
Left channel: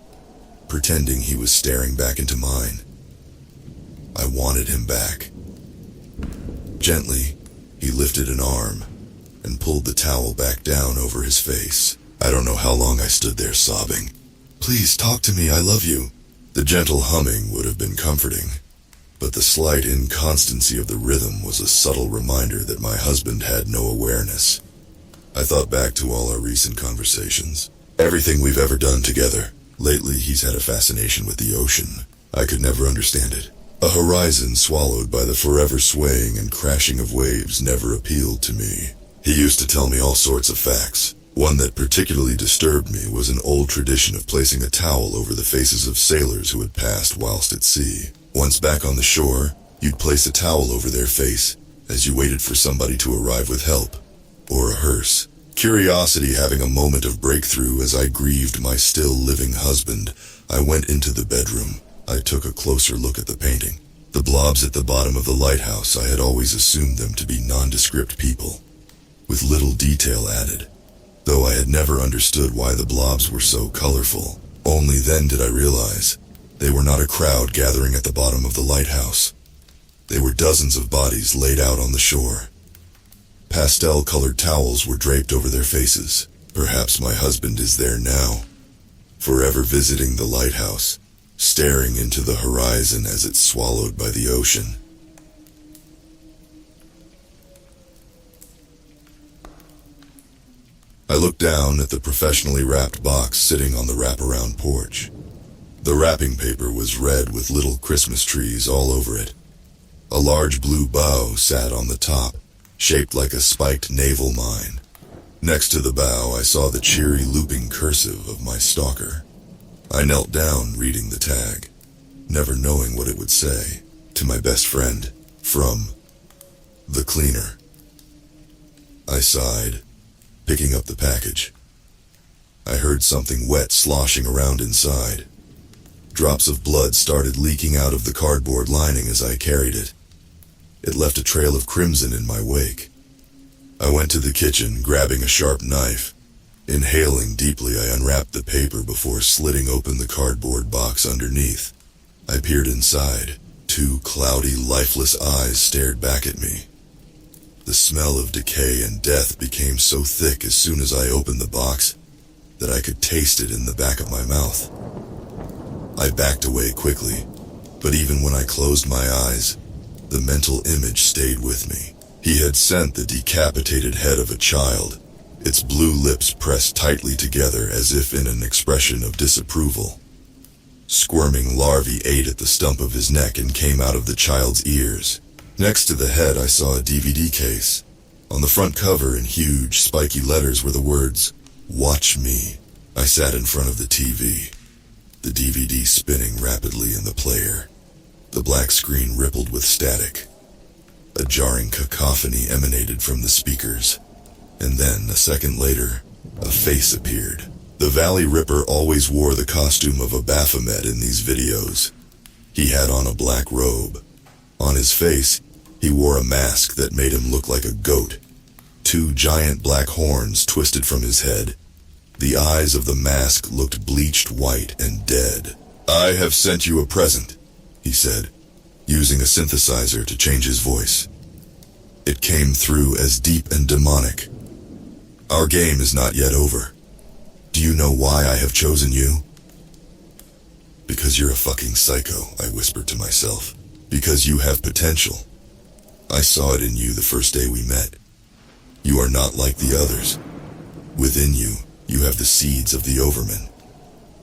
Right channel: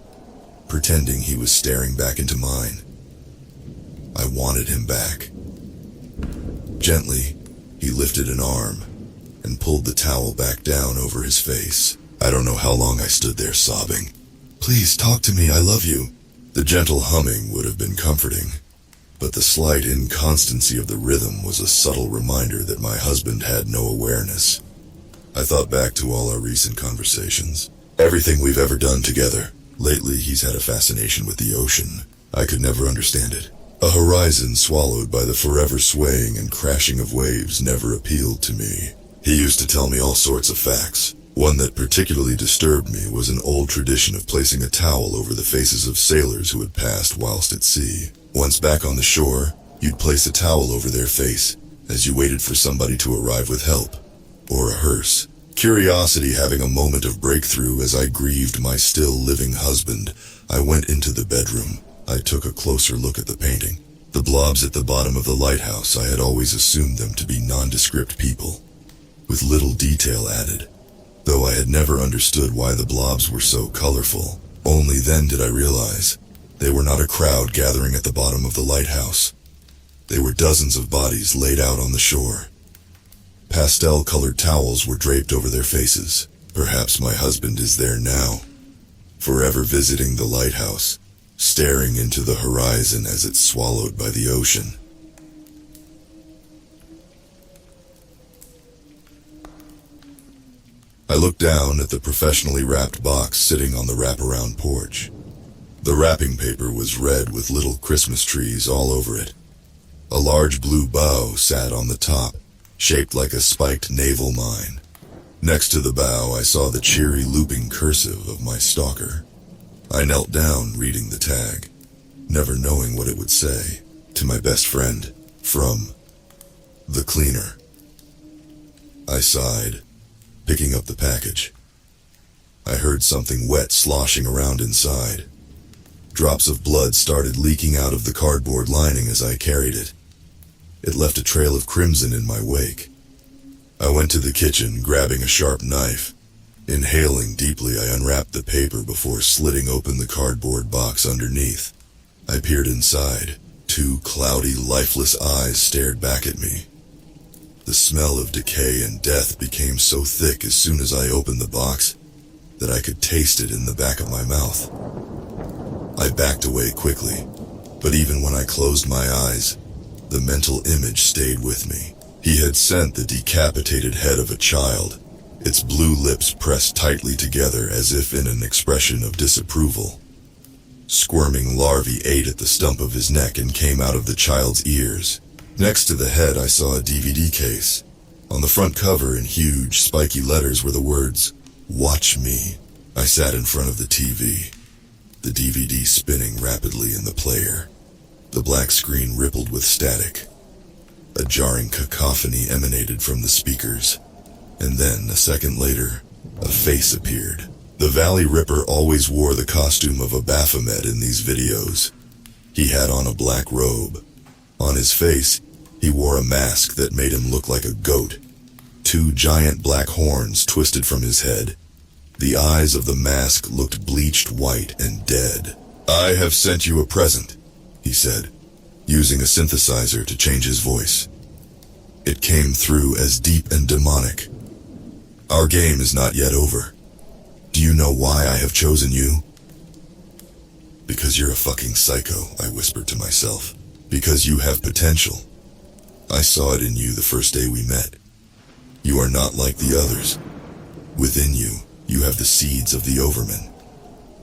pretending he was staring back into mine. I wanted him back. Gently, he lifted an arm and pulled the towel back down over his face. I don't know how long I stood there sobbing. "Please talk to me, I love you." The gentle humming would have been comforting, but the slight inconstancy of the rhythm was a subtle reminder that my husband had no awareness. I thought back to all our recent conversations, everything we've ever done together. Lately, he's had a fascination with the ocean. I could never understand it. A horizon swallowed by the forever swaying and crashing of waves never appealed to me. He used to tell me all sorts of facts. One that particularly disturbed me was an old tradition of placing a towel over the faces of sailors who had passed whilst at sea. Once back on the shore, you'd place a towel over their face as you waited for somebody to arrive with help, or a hearse. Curiosity having a moment of breakthrough as I grieved my still living husband, I went into the bedroom. I took a closer look at the painting. The blobs at the bottom of the lighthouse, I had always assumed them to be nondescript people, with little detail added, though I had never understood why the blobs were so colorful. Only then did I realize they were not a crowd gathering at the bottom of the lighthouse. They were dozens of bodies laid out on the shore. Pastel-colored towels were draped over their faces. Perhaps my husband is there now, forever visiting the lighthouse, staring into the horizon as it's swallowed by the ocean. I looked down at the professionally wrapped box sitting on the wraparound porch. The wrapping paper was red with little Christmas trees all over it. A large blue bow sat on the top, shaped like a spiked naval mine. Next to the bow, I saw the cheery looping cursive of my stalker. I knelt down reading the tag, never knowing what it would say. To my best friend, from the cleaner. I sighed, picking up the package. I heard something wet sloshing around inside. Drops of blood started leaking out of the cardboard lining as I carried it. It left a trail of crimson in my wake. I went to the kitchen, grabbing a sharp knife. Inhaling deeply, I unwrapped the paper before slitting open the cardboard box underneath. I peered inside. Two cloudy, lifeless eyes stared back at me. The smell of decay and death became so thick as soon as I opened the box, that I could taste it in the back of my mouth. I backed away quickly, but even when I closed my eyes, the mental image stayed with me. He had sent the decapitated head of a child, its blue lips pressed tightly together as if in an expression of disapproval. Squirming larvae ate at the stump of his neck and came out of the child's ears. Next to the head I saw a DVD case. On the front cover in huge, spiky letters were the words, "Watch me." I sat in front of the TV, the DVD spinning rapidly in the player. The black screen rippled with static. A jarring cacophony emanated from the speakers. And then, a second later, a face appeared. The Valley Ripper always wore the costume of a Baphomet in these videos. He had on a black robe. On his face, he wore a mask that made him look like a goat. 2 giant black horns twisted from his head. The eyes of the mask looked bleached white and dead. "I have sent you a present," he said, using a synthesizer to change his voice. It came through as deep and demonic. "Our game is not yet over. Do you know why I have chosen you?" "Because you're a fucking psycho," I whispered to myself. "Because you have potential. I saw it in you the first day we met. You are not like the others. Within you, you have the seeds of the Overman.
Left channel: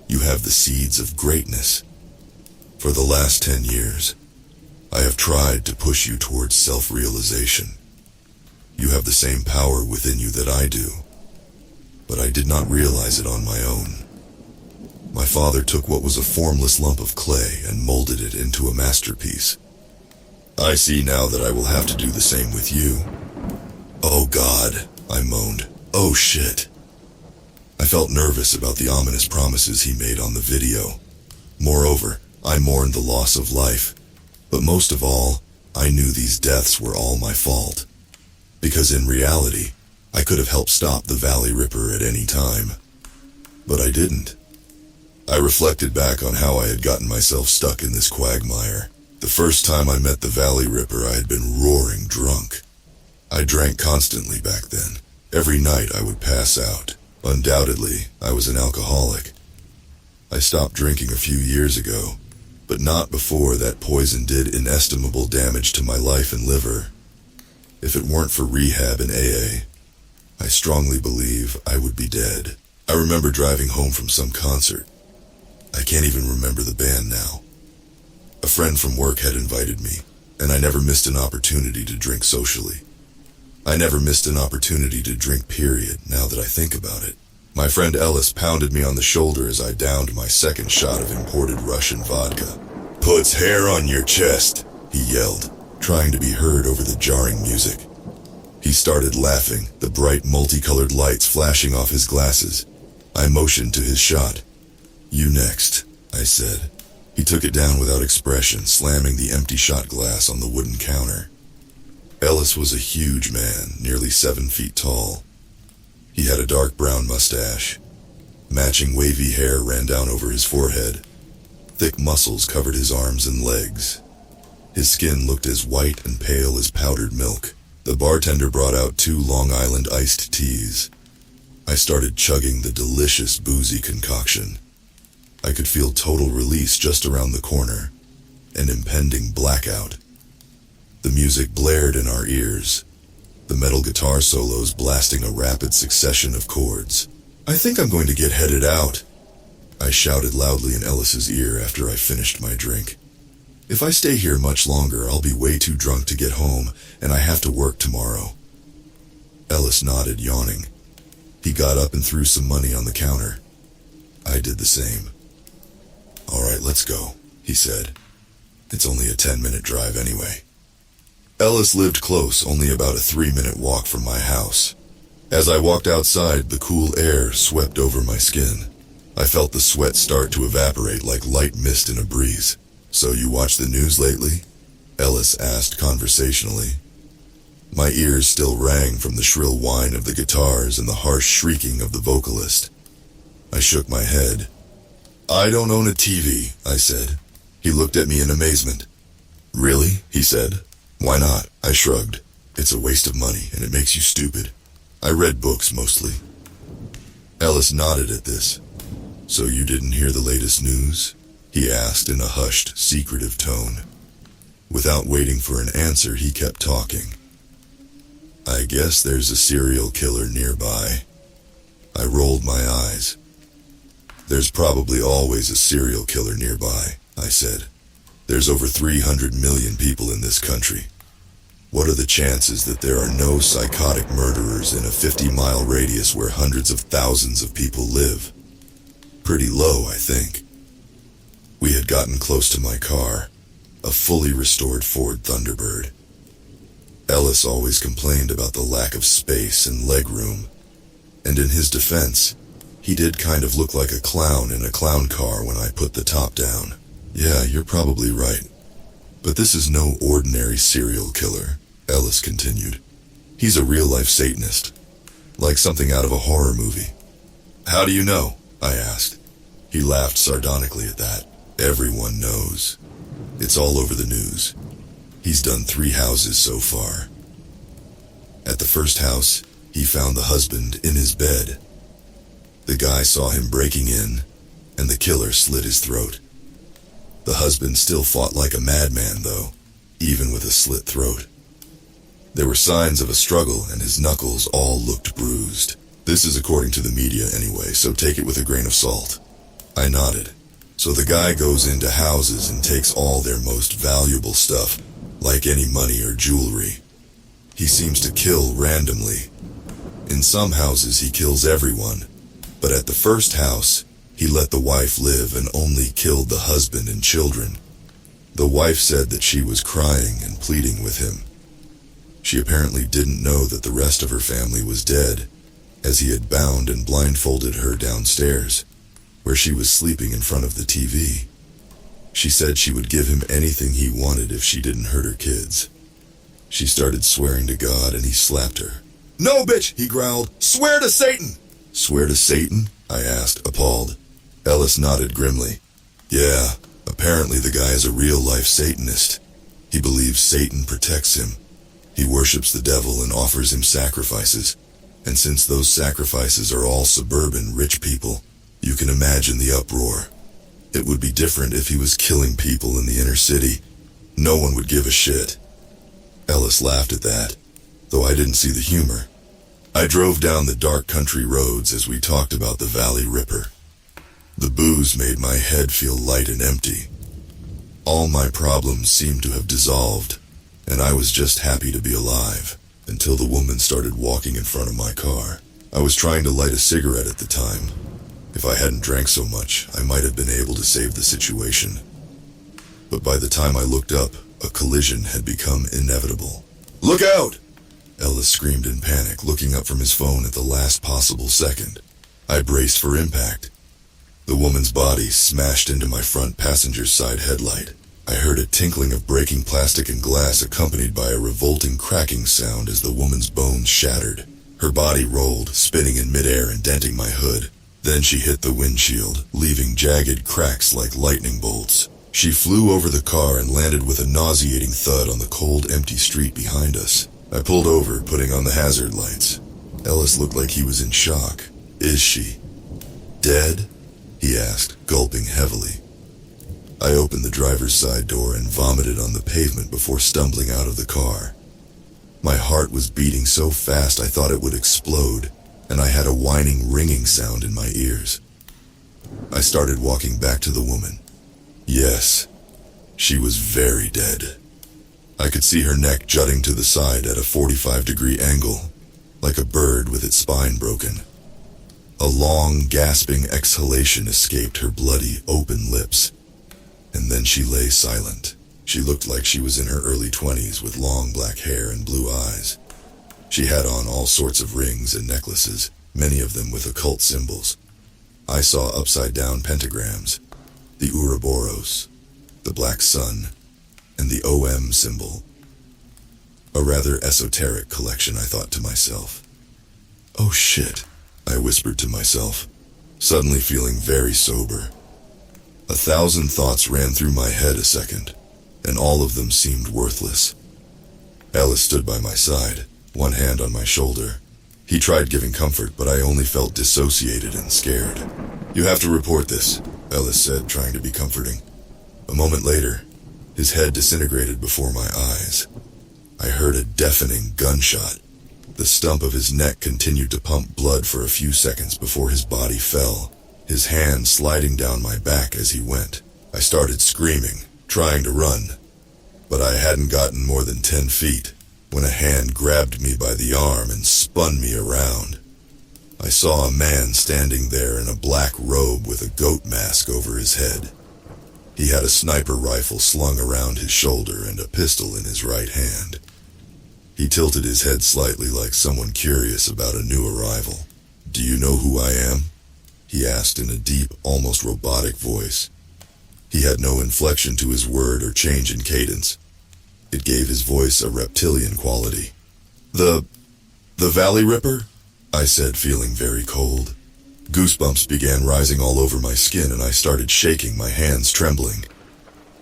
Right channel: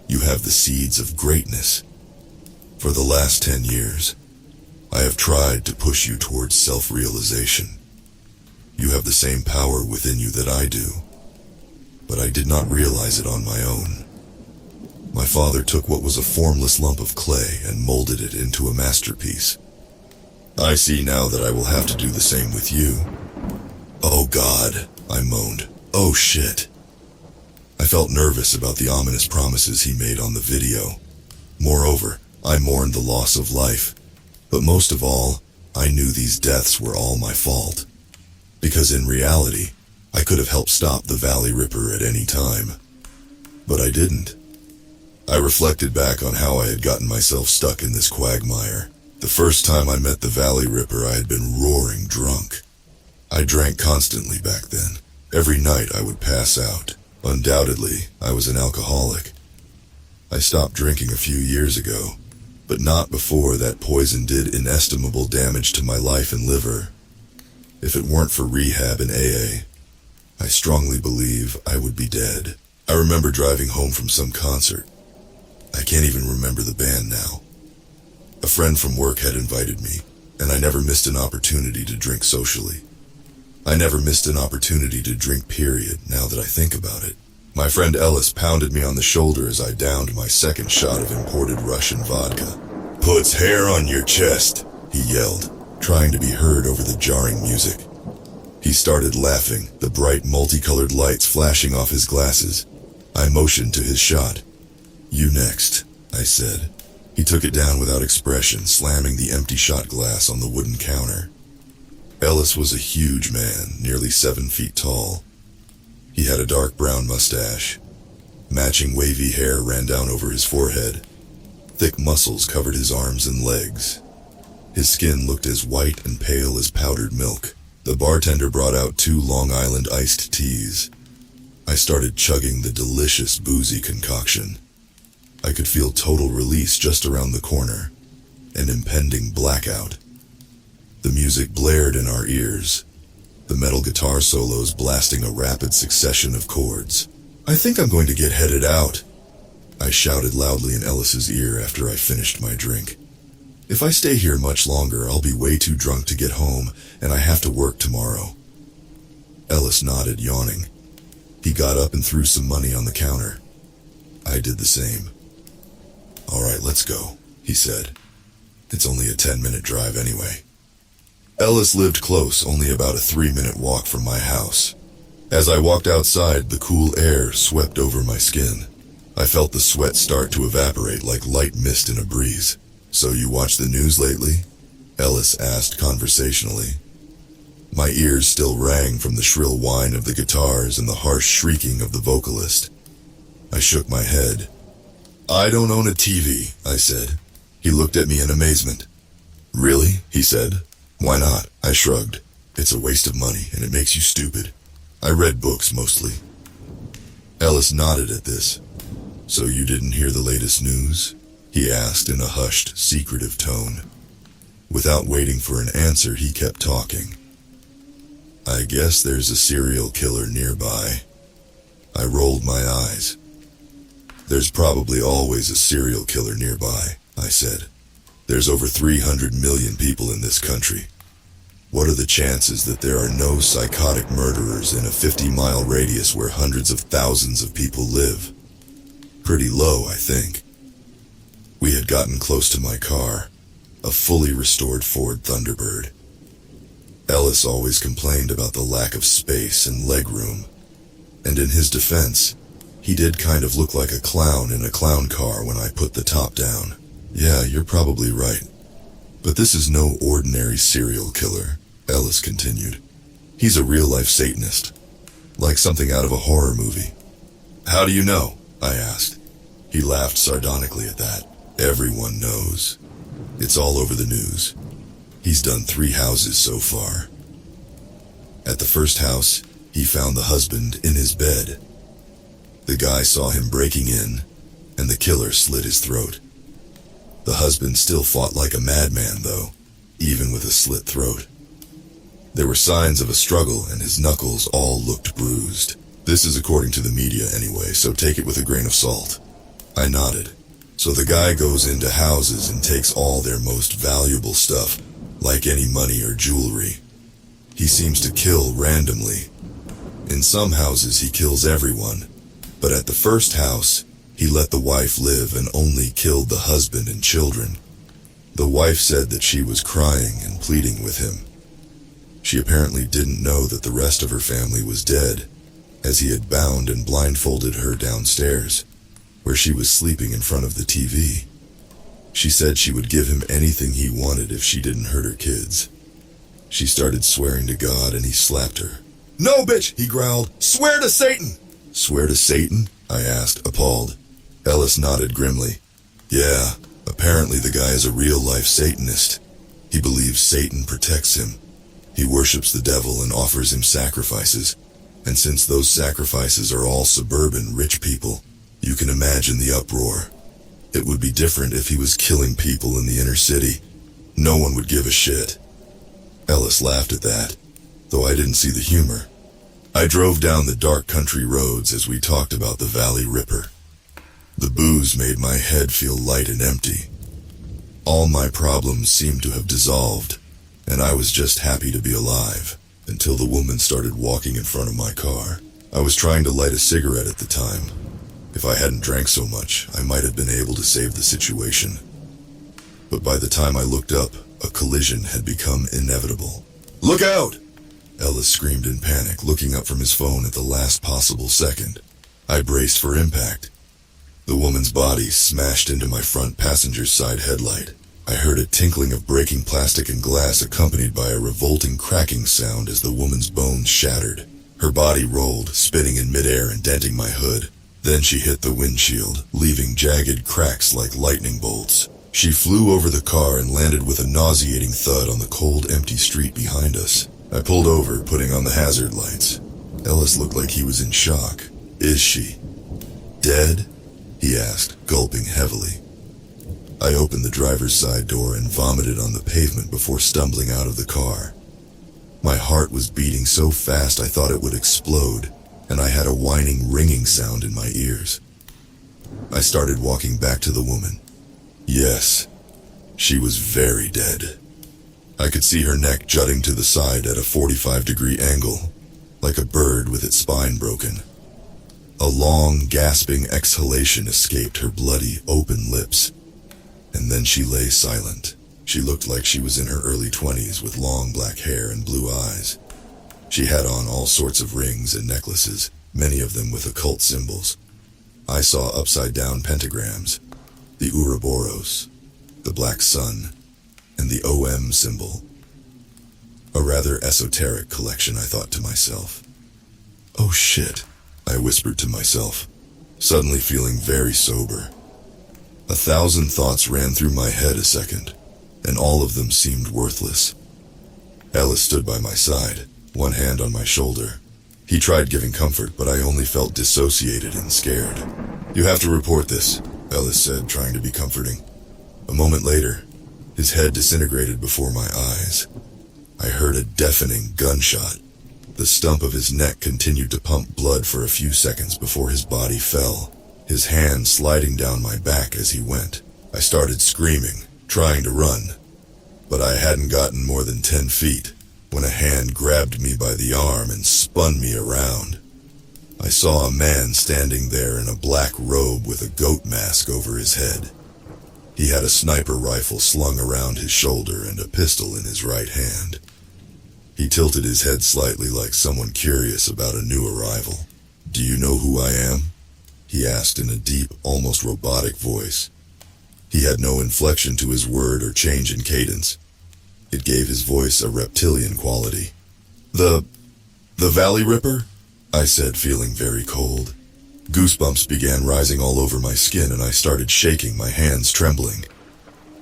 You have the seeds of greatness. For the last 10 years, I have tried to push you towards self-realization. You have the same power within you that I do, but I did not realize it on my own. My father took what was a formless lump of clay and molded it into a masterpiece. I see now that I will have to do the same with you." "Oh God," I moaned. "Oh shit." I felt nervous about the ominous promises he made on the video. Moreover, I mourned the loss of life. But most of all, I knew these deaths were all my fault. Because in reality, I could have helped stop the Valley Ripper at any time. But I didn't. I reflected back on how I had gotten myself stuck in this quagmire. The first time I met the Valley Ripper, I had been roaring drunk. I drank constantly back then. Every night I would pass out. Undoubtedly, I was an alcoholic. I stopped drinking a few years ago, but not before that poison did inestimable damage to my life and liver. If it weren't for rehab and AA, I strongly believe I would be dead. I remember driving home from some concert. I can't even remember the band now. A friend from work had invited me, and I never missed an opportunity to drink socially. I never missed an opportunity to drink, period, now that I think about it. My friend Ellis pounded me on the shoulder as I downed my second shot of imported Russian vodka. "Puts hair on your chest," he yelled, trying to be heard over the jarring music. He started laughing, the bright multicolored lights flashing off his glasses. I motioned to his shot. "You next," I said. He took it down without expression, slamming the empty shot glass on the wooden counter. Ellis was a huge man, nearly 7 feet tall. He had a dark brown mustache. Matching wavy hair ran down over his forehead. Thick muscles covered his arms and legs. His skin looked as white and pale as powdered milk. The bartender brought out 2 Long Island iced teas. I started chugging the delicious boozy concoction. I could feel total release just around the corner, an impending blackout. The music blared in our ears, the metal guitar solos blasting a rapid succession of chords. "I think I'm going to get headed out," I shouted loudly in Ellis's ear after I finished my drink. "If I stay here much longer, I'll be way too drunk to get home, and I have to work tomorrow." Ellis nodded, yawning. He got up and threw some money on the counter. I did the same. "All right, let's go," he said. "It's only a 10-minute drive anyway." Ellis lived close, only about a 3-minute walk from my house. As I walked outside, the cool air swept over my skin. I felt the sweat start to evaporate like light mist in a breeze. "So you watch the news lately?" Ellis asked conversationally. My ears still rang from the shrill whine of the guitars and the harsh shrieking of the vocalist. I shook my head. "I don't own a TV," I said. He looked at me in amazement. "Really?" he said. "Why not?" I shrugged. "It's a waste of money, and it makes you stupid. I read books, mostly." Ellis nodded at this. So you didn't hear the latest news? He asked in a hushed, secretive tone. Without waiting for an answer, he kept talking. I guess there's a serial killer nearby. I rolled my eyes. There's probably always a serial killer nearby, I said. There's over 300 million people in this country. What are the chances that there are no psychotic murderers in a 50-mile radius where hundreds of thousands of people live? Pretty low, I think. We had gotten close to my car, a fully restored Ford Thunderbird. Ellis always complained about the lack of space and legroom, and in his defense, he did kind of look like a clown in a clown car when I put the top down. Yeah, you're probably right. But this is no ordinary serial killer, Ellis continued. He's a real-life Satanist, like something out of a horror movie. How do you know? I asked. He laughed sardonically at that. Everyone knows. It's all over the news. He's done 3 houses so far. At the first house, he found the husband in his bed. The guy saw him breaking in, and the killer slit his throat. The husband still fought like a madman, though, even with a slit throat. There were signs of a struggle, and his knuckles all looked bruised. This is according to the media anyway, so take it with a grain of salt. I nodded. So the guy goes into houses and takes all their most valuable stuff, like any money or jewelry. He seems to kill randomly. In some houses he kills everyone, but at the first house, he let the wife live and only killed the husband and children. The wife said that she was crying and pleading with him. She apparently didn't know that the rest of her family was dead, as he had bound and blindfolded her downstairs, where she was sleeping in front of the TV. She said she would give him anything he wanted if she didn't hurt her kids. She started swearing to God and he slapped her. No, bitch, he growled. Swear to Satan! Swear to Satan? I asked, appalled. Ellis nodded grimly. Yeah, apparently the guy is a real-life Satanist. He believes Satan protects him. He worships the devil and offers him sacrifices. And since those sacrifices are all suburban rich people, you can imagine the uproar. It would be different if he was killing people in the inner city. No one would give a shit. Ellis laughed at that, though I didn't see the humor. I drove down the dark country roads as we talked about the Valley Ripper. The booze made my head feel light and empty. All my problems seemed to have dissolved, and I was just happy to be alive, until the woman started walking in front of my car. I was trying to light a cigarette at the time. If I hadn't drank so much, I might have been able to save the situation. But by the time I looked up, a collision had become inevitable. Look out! Ellis screamed in panic, looking up from his phone at the last possible second. I braced for impact. The woman's body smashed into my front passenger's side headlight. I heard a tinkling of breaking plastic and glass accompanied by a revolting cracking sound as the woman's bones shattered. Her body rolled, spinning in midair and denting my hood. Then she hit the windshield, leaving jagged cracks like lightning bolts. She flew over the car and landed with a nauseating thud on the cold, empty street behind us. I pulled over, putting on the hazard lights. Ellis looked like he was in shock. Is she dead? He asked, gulping heavily. I opened the driver's side door and vomited on the pavement before stumbling out of the car. My heart was beating so fast I thought it would explode, and I had a whining, ringing sound in my ears. I started walking back to the woman. Yes, she was very dead. I could see her neck jutting to the side at a 45-degree angle, like a bird with its spine broken. A long, gasping exhalation escaped her bloody, open lips, and then she lay silent. She looked like she was in her early 20s with long black hair and blue eyes. She had on all sorts of rings and necklaces, many of them with occult symbols. I saw upside-down pentagrams, the Ouroboros, the black sun, and the OM symbol. A rather esoteric collection, I thought to myself. Oh shit, I whispered to myself, suddenly feeling very sober. 1,000 thoughts ran through my head a second, and all of them seemed worthless. Ellis stood by my side, one hand on my shoulder. He tried giving comfort, but I only felt dissociated and scared. "You have to report this," Ellis said, trying to be comforting. A moment later, his head disintegrated before my eyes. I heard a deafening gunshot. The stump of his neck continued to pump blood for a few seconds before his body fell, his hand sliding down my back as he went. I started screaming, trying to run, but I hadn't gotten more than 10 feet when a hand grabbed me by the arm and spun me around. I saw a man standing there in a black robe with a goat mask over his head. He had a sniper rifle slung around his shoulder and a pistol in his right hand. He tilted his head slightly like someone curious about a new arrival. "Do you know who I am?" he asked in a deep, almost robotic voice. He had no inflection to his word or change in cadence. It gave his voice a reptilian quality. The Valley Ripper?" I said, feeling very cold. Goosebumps began rising all over my skin and I started shaking, my hands trembling.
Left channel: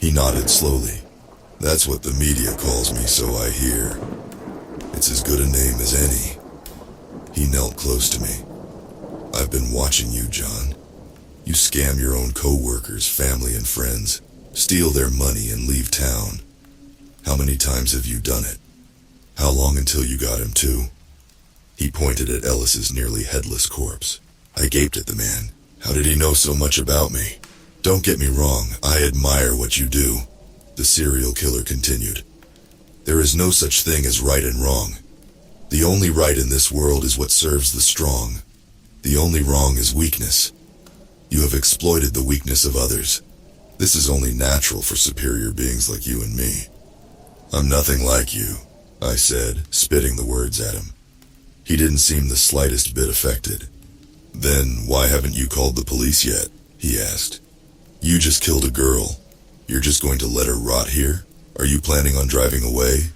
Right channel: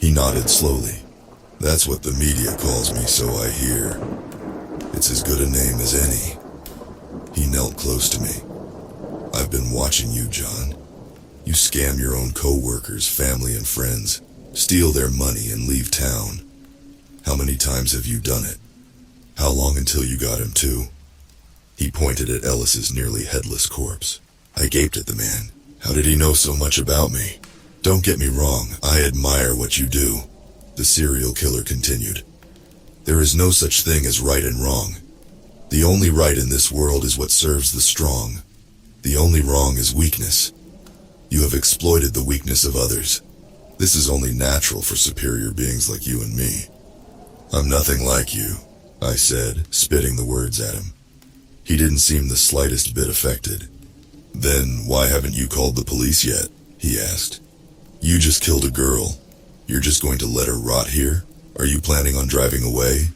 He nodded slowly. "That's what the media calls me, so I hear. It's as good a name as any." He knelt close to me. "I've been watching you, John. You scam your own co-workers, family and friends, steal their money and leave town. How many times have you done it? How long until you got him too?" He pointed at Ellis's nearly headless corpse. I gaped at the man. How did he know so much about me? "Don't get me wrong, I admire what you do," the serial killer continued. "There is no such thing as right and wrong. The only right in this world is what serves the strong. The only wrong is weakness. You have exploited the weakness of others. This is only natural for superior beings like you and me." "I'm nothing like you," I said, spitting the words at him. He didn't seem the slightest bit affected. "Then why haven't you called the police yet?" he asked. "You just killed a girl. You're just going to let her rot here? Are you planning on driving away?"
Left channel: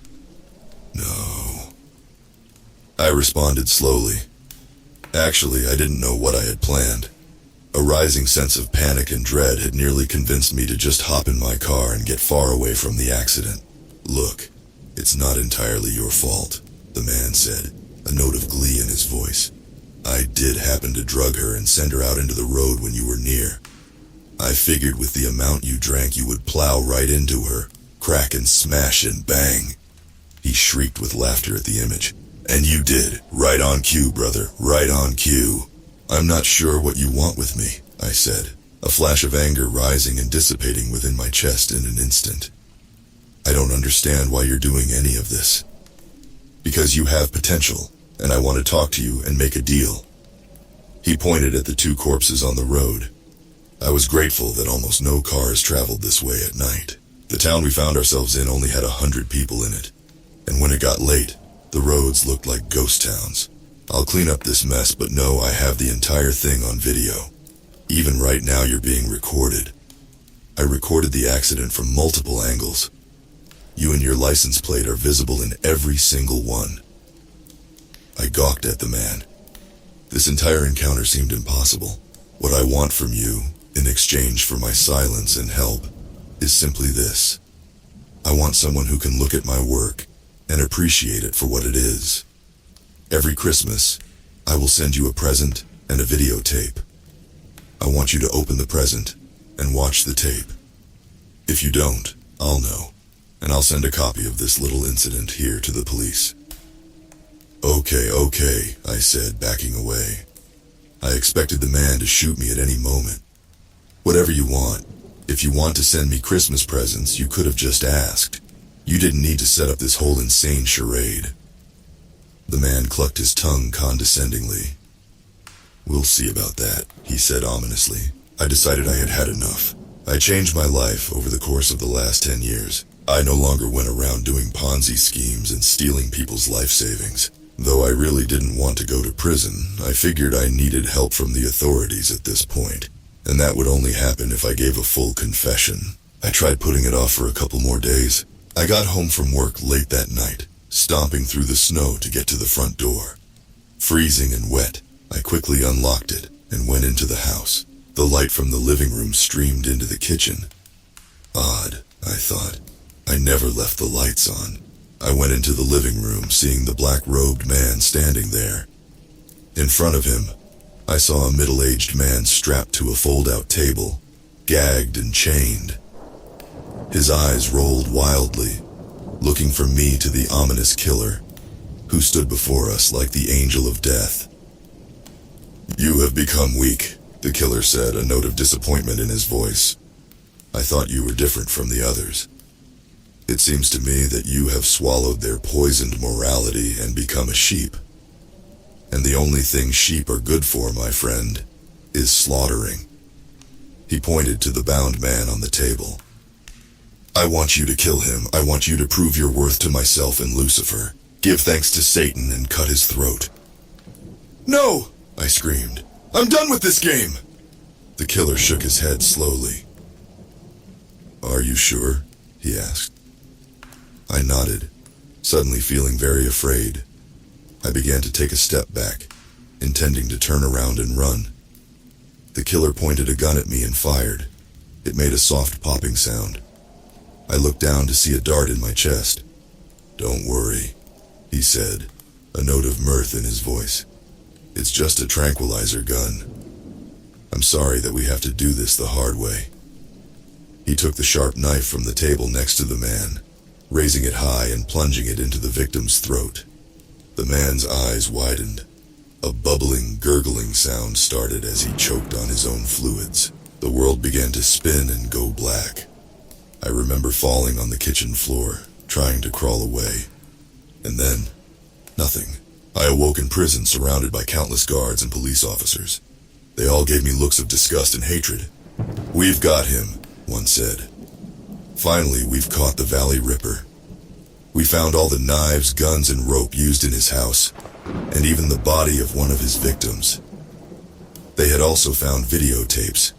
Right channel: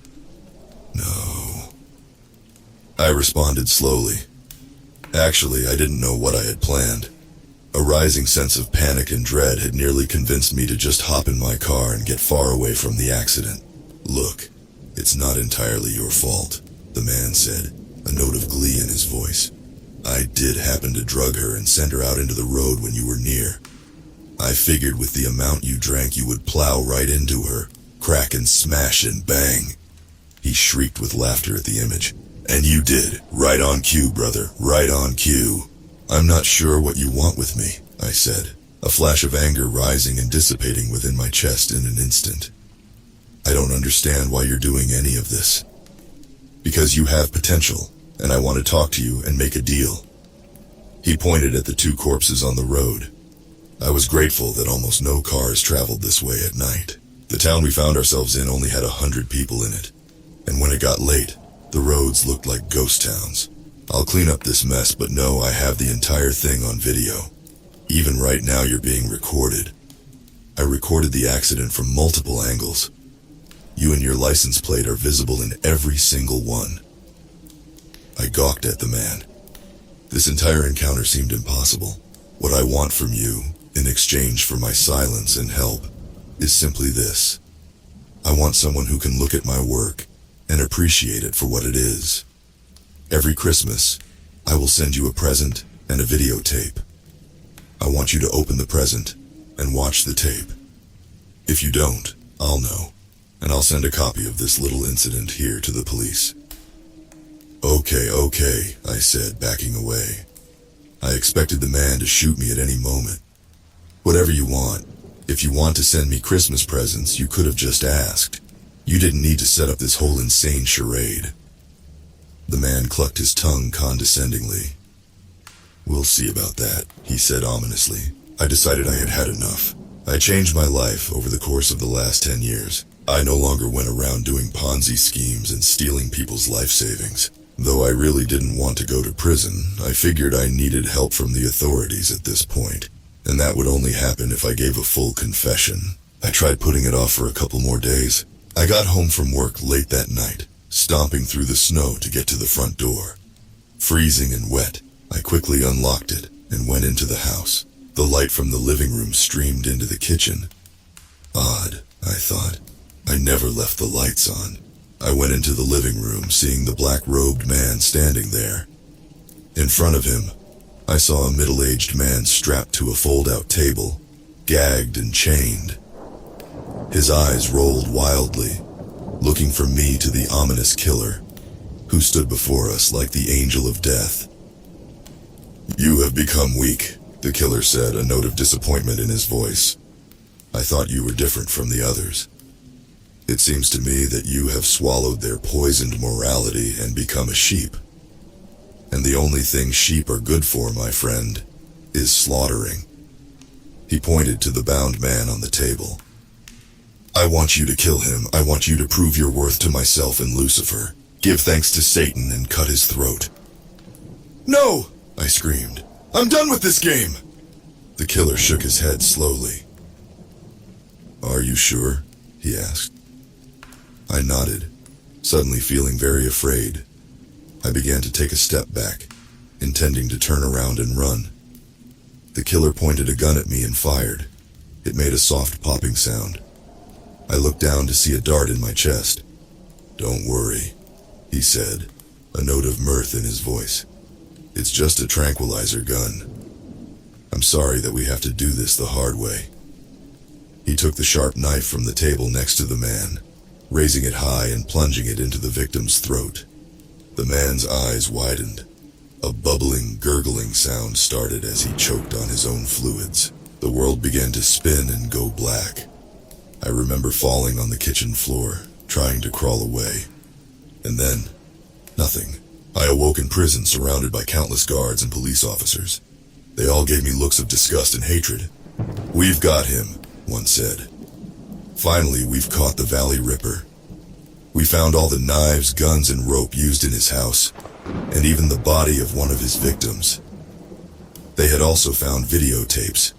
"No," I responded slowly. Actually, I didn't know what I had planned. A rising sense of panic and dread had nearly convinced me to just hop in my car and get far away from the accident. "Look, it's not entirely your fault," the man said, a note of glee in his voice. "I did happen to drug her and send her out into the road when you were near. I figured with the amount you drank you would plow right into her, crack and smash and bang." He shrieked with laughter at the image. "And you did. Right on cue, brother. Right on cue." "I'm not sure what you want with me," I said, a flash of anger rising and dissipating within my chest in an instant. "I don't understand why you're doing any of this." "Because you have potential, and I want to talk to you and make a deal." He pointed at the 2 corpses on the road. I was grateful that almost no cars traveled this way at night. The town we found ourselves in only had 100 people in it, and when it got late, the roads looked like ghost towns. "I'll clean up this mess, but no, I have the entire thing on video. Even right now you're being recorded. I recorded the accident from multiple angles. You and your license plate are visible in every single one." I gawked at the man. This entire encounter seemed impossible. "What I want from you, in exchange for my silence and help, is simply this. I want someone who can look at my work and appreciate it for what it is. Every Christmas, I will send you a present and a videotape. I want you to open the present and watch the tape. If you don't, I'll know, and I'll send a copy of this little incident here to the police." Okay, I said, backing away. I expected the man to shoot me at any moment. "Whatever you want. If you want to send me Christmas presents, you could have just asked. You didn't need to set up this whole insane charade." The man clucked his tongue condescendingly. "We'll see about that," he said ominously. I decided I had had enough. I changed my life over the course of the last 10 years. I no longer went around doing Ponzi schemes and stealing people's life savings. Though I really didn't want to go to prison, I figured I needed help from the authorities at this point, and that would only happen if I gave a full confession. I tried putting it off for a couple more days. I got home from work late that night, stomping through the snow to get to the front door. Freezing and wet, I quickly unlocked it and went into the house. The light from the living room streamed into the kitchen. Odd, I thought. I never left the lights on. I went into the living room, seeing the black-robed man standing there. In front of him, I saw a middle-aged man strapped to a fold-out table, gagged and chained. His eyes rolled wildly, looking from me to the ominous killer, who stood before us like the angel of death. "You have become weak," the killer said, a note of disappointment in his voice. "I thought you were different from the others. It seems to me that you have swallowed their poisoned morality and become a sheep. And the only thing sheep are good for, my friend, is slaughtering." He pointed to the bound man on the table. "I want you to kill him. I want you to prove your worth to myself and Lucifer. Give thanks to Satan and cut his throat." "No!" I screamed. "I'm done with this game!" The killer shook his head slowly. "Are you sure?" he asked. I nodded, suddenly feeling very afraid. I began to take a step back, intending to turn around and run. The killer pointed a gun at me and fired. It made a soft popping sound. I looked down to see a dart in my chest. "Don't worry," he said, a note of mirth in his voice. "It's just a tranquilizer gun. I'm sorry that we have to do this the hard way." He took the sharp knife from the table next to the man, raising it high and plunging it into the victim's throat. The man's eyes widened. A bubbling, gurgling sound started as he choked on his own fluids. The world began to spin and go black. I remember falling on the kitchen floor, trying to crawl away. And then, nothing. I awoke in prison, surrounded by countless guards and police officers. They all gave me looks of disgust and hatred. "We've got him," one said. "Finally, we've caught the Valley Ripper. We found all the knives, guns, and rope used in his house, and even the body of one of his victims. They had also found videotapes,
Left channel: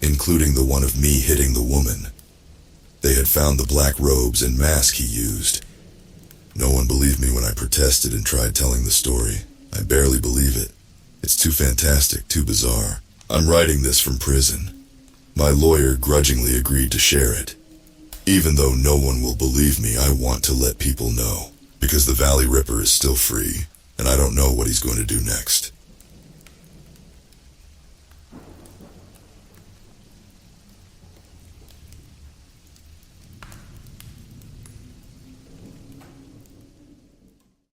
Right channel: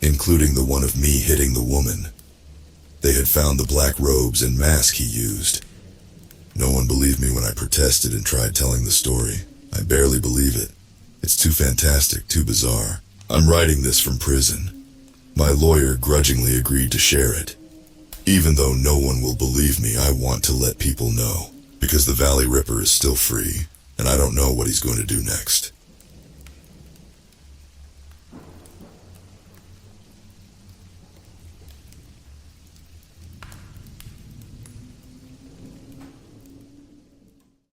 including the one of me hitting the woman. They had found the black robes and mask he used. No one believed me when I protested and tried telling the story. I barely believe it. It's too fantastic, too bizarre. I'm writing this from prison. My lawyer grudgingly agreed to share it. Even though no one will believe me, I want to let people know, because the Valley Ripper is still free, and I don't know what he's going to do next."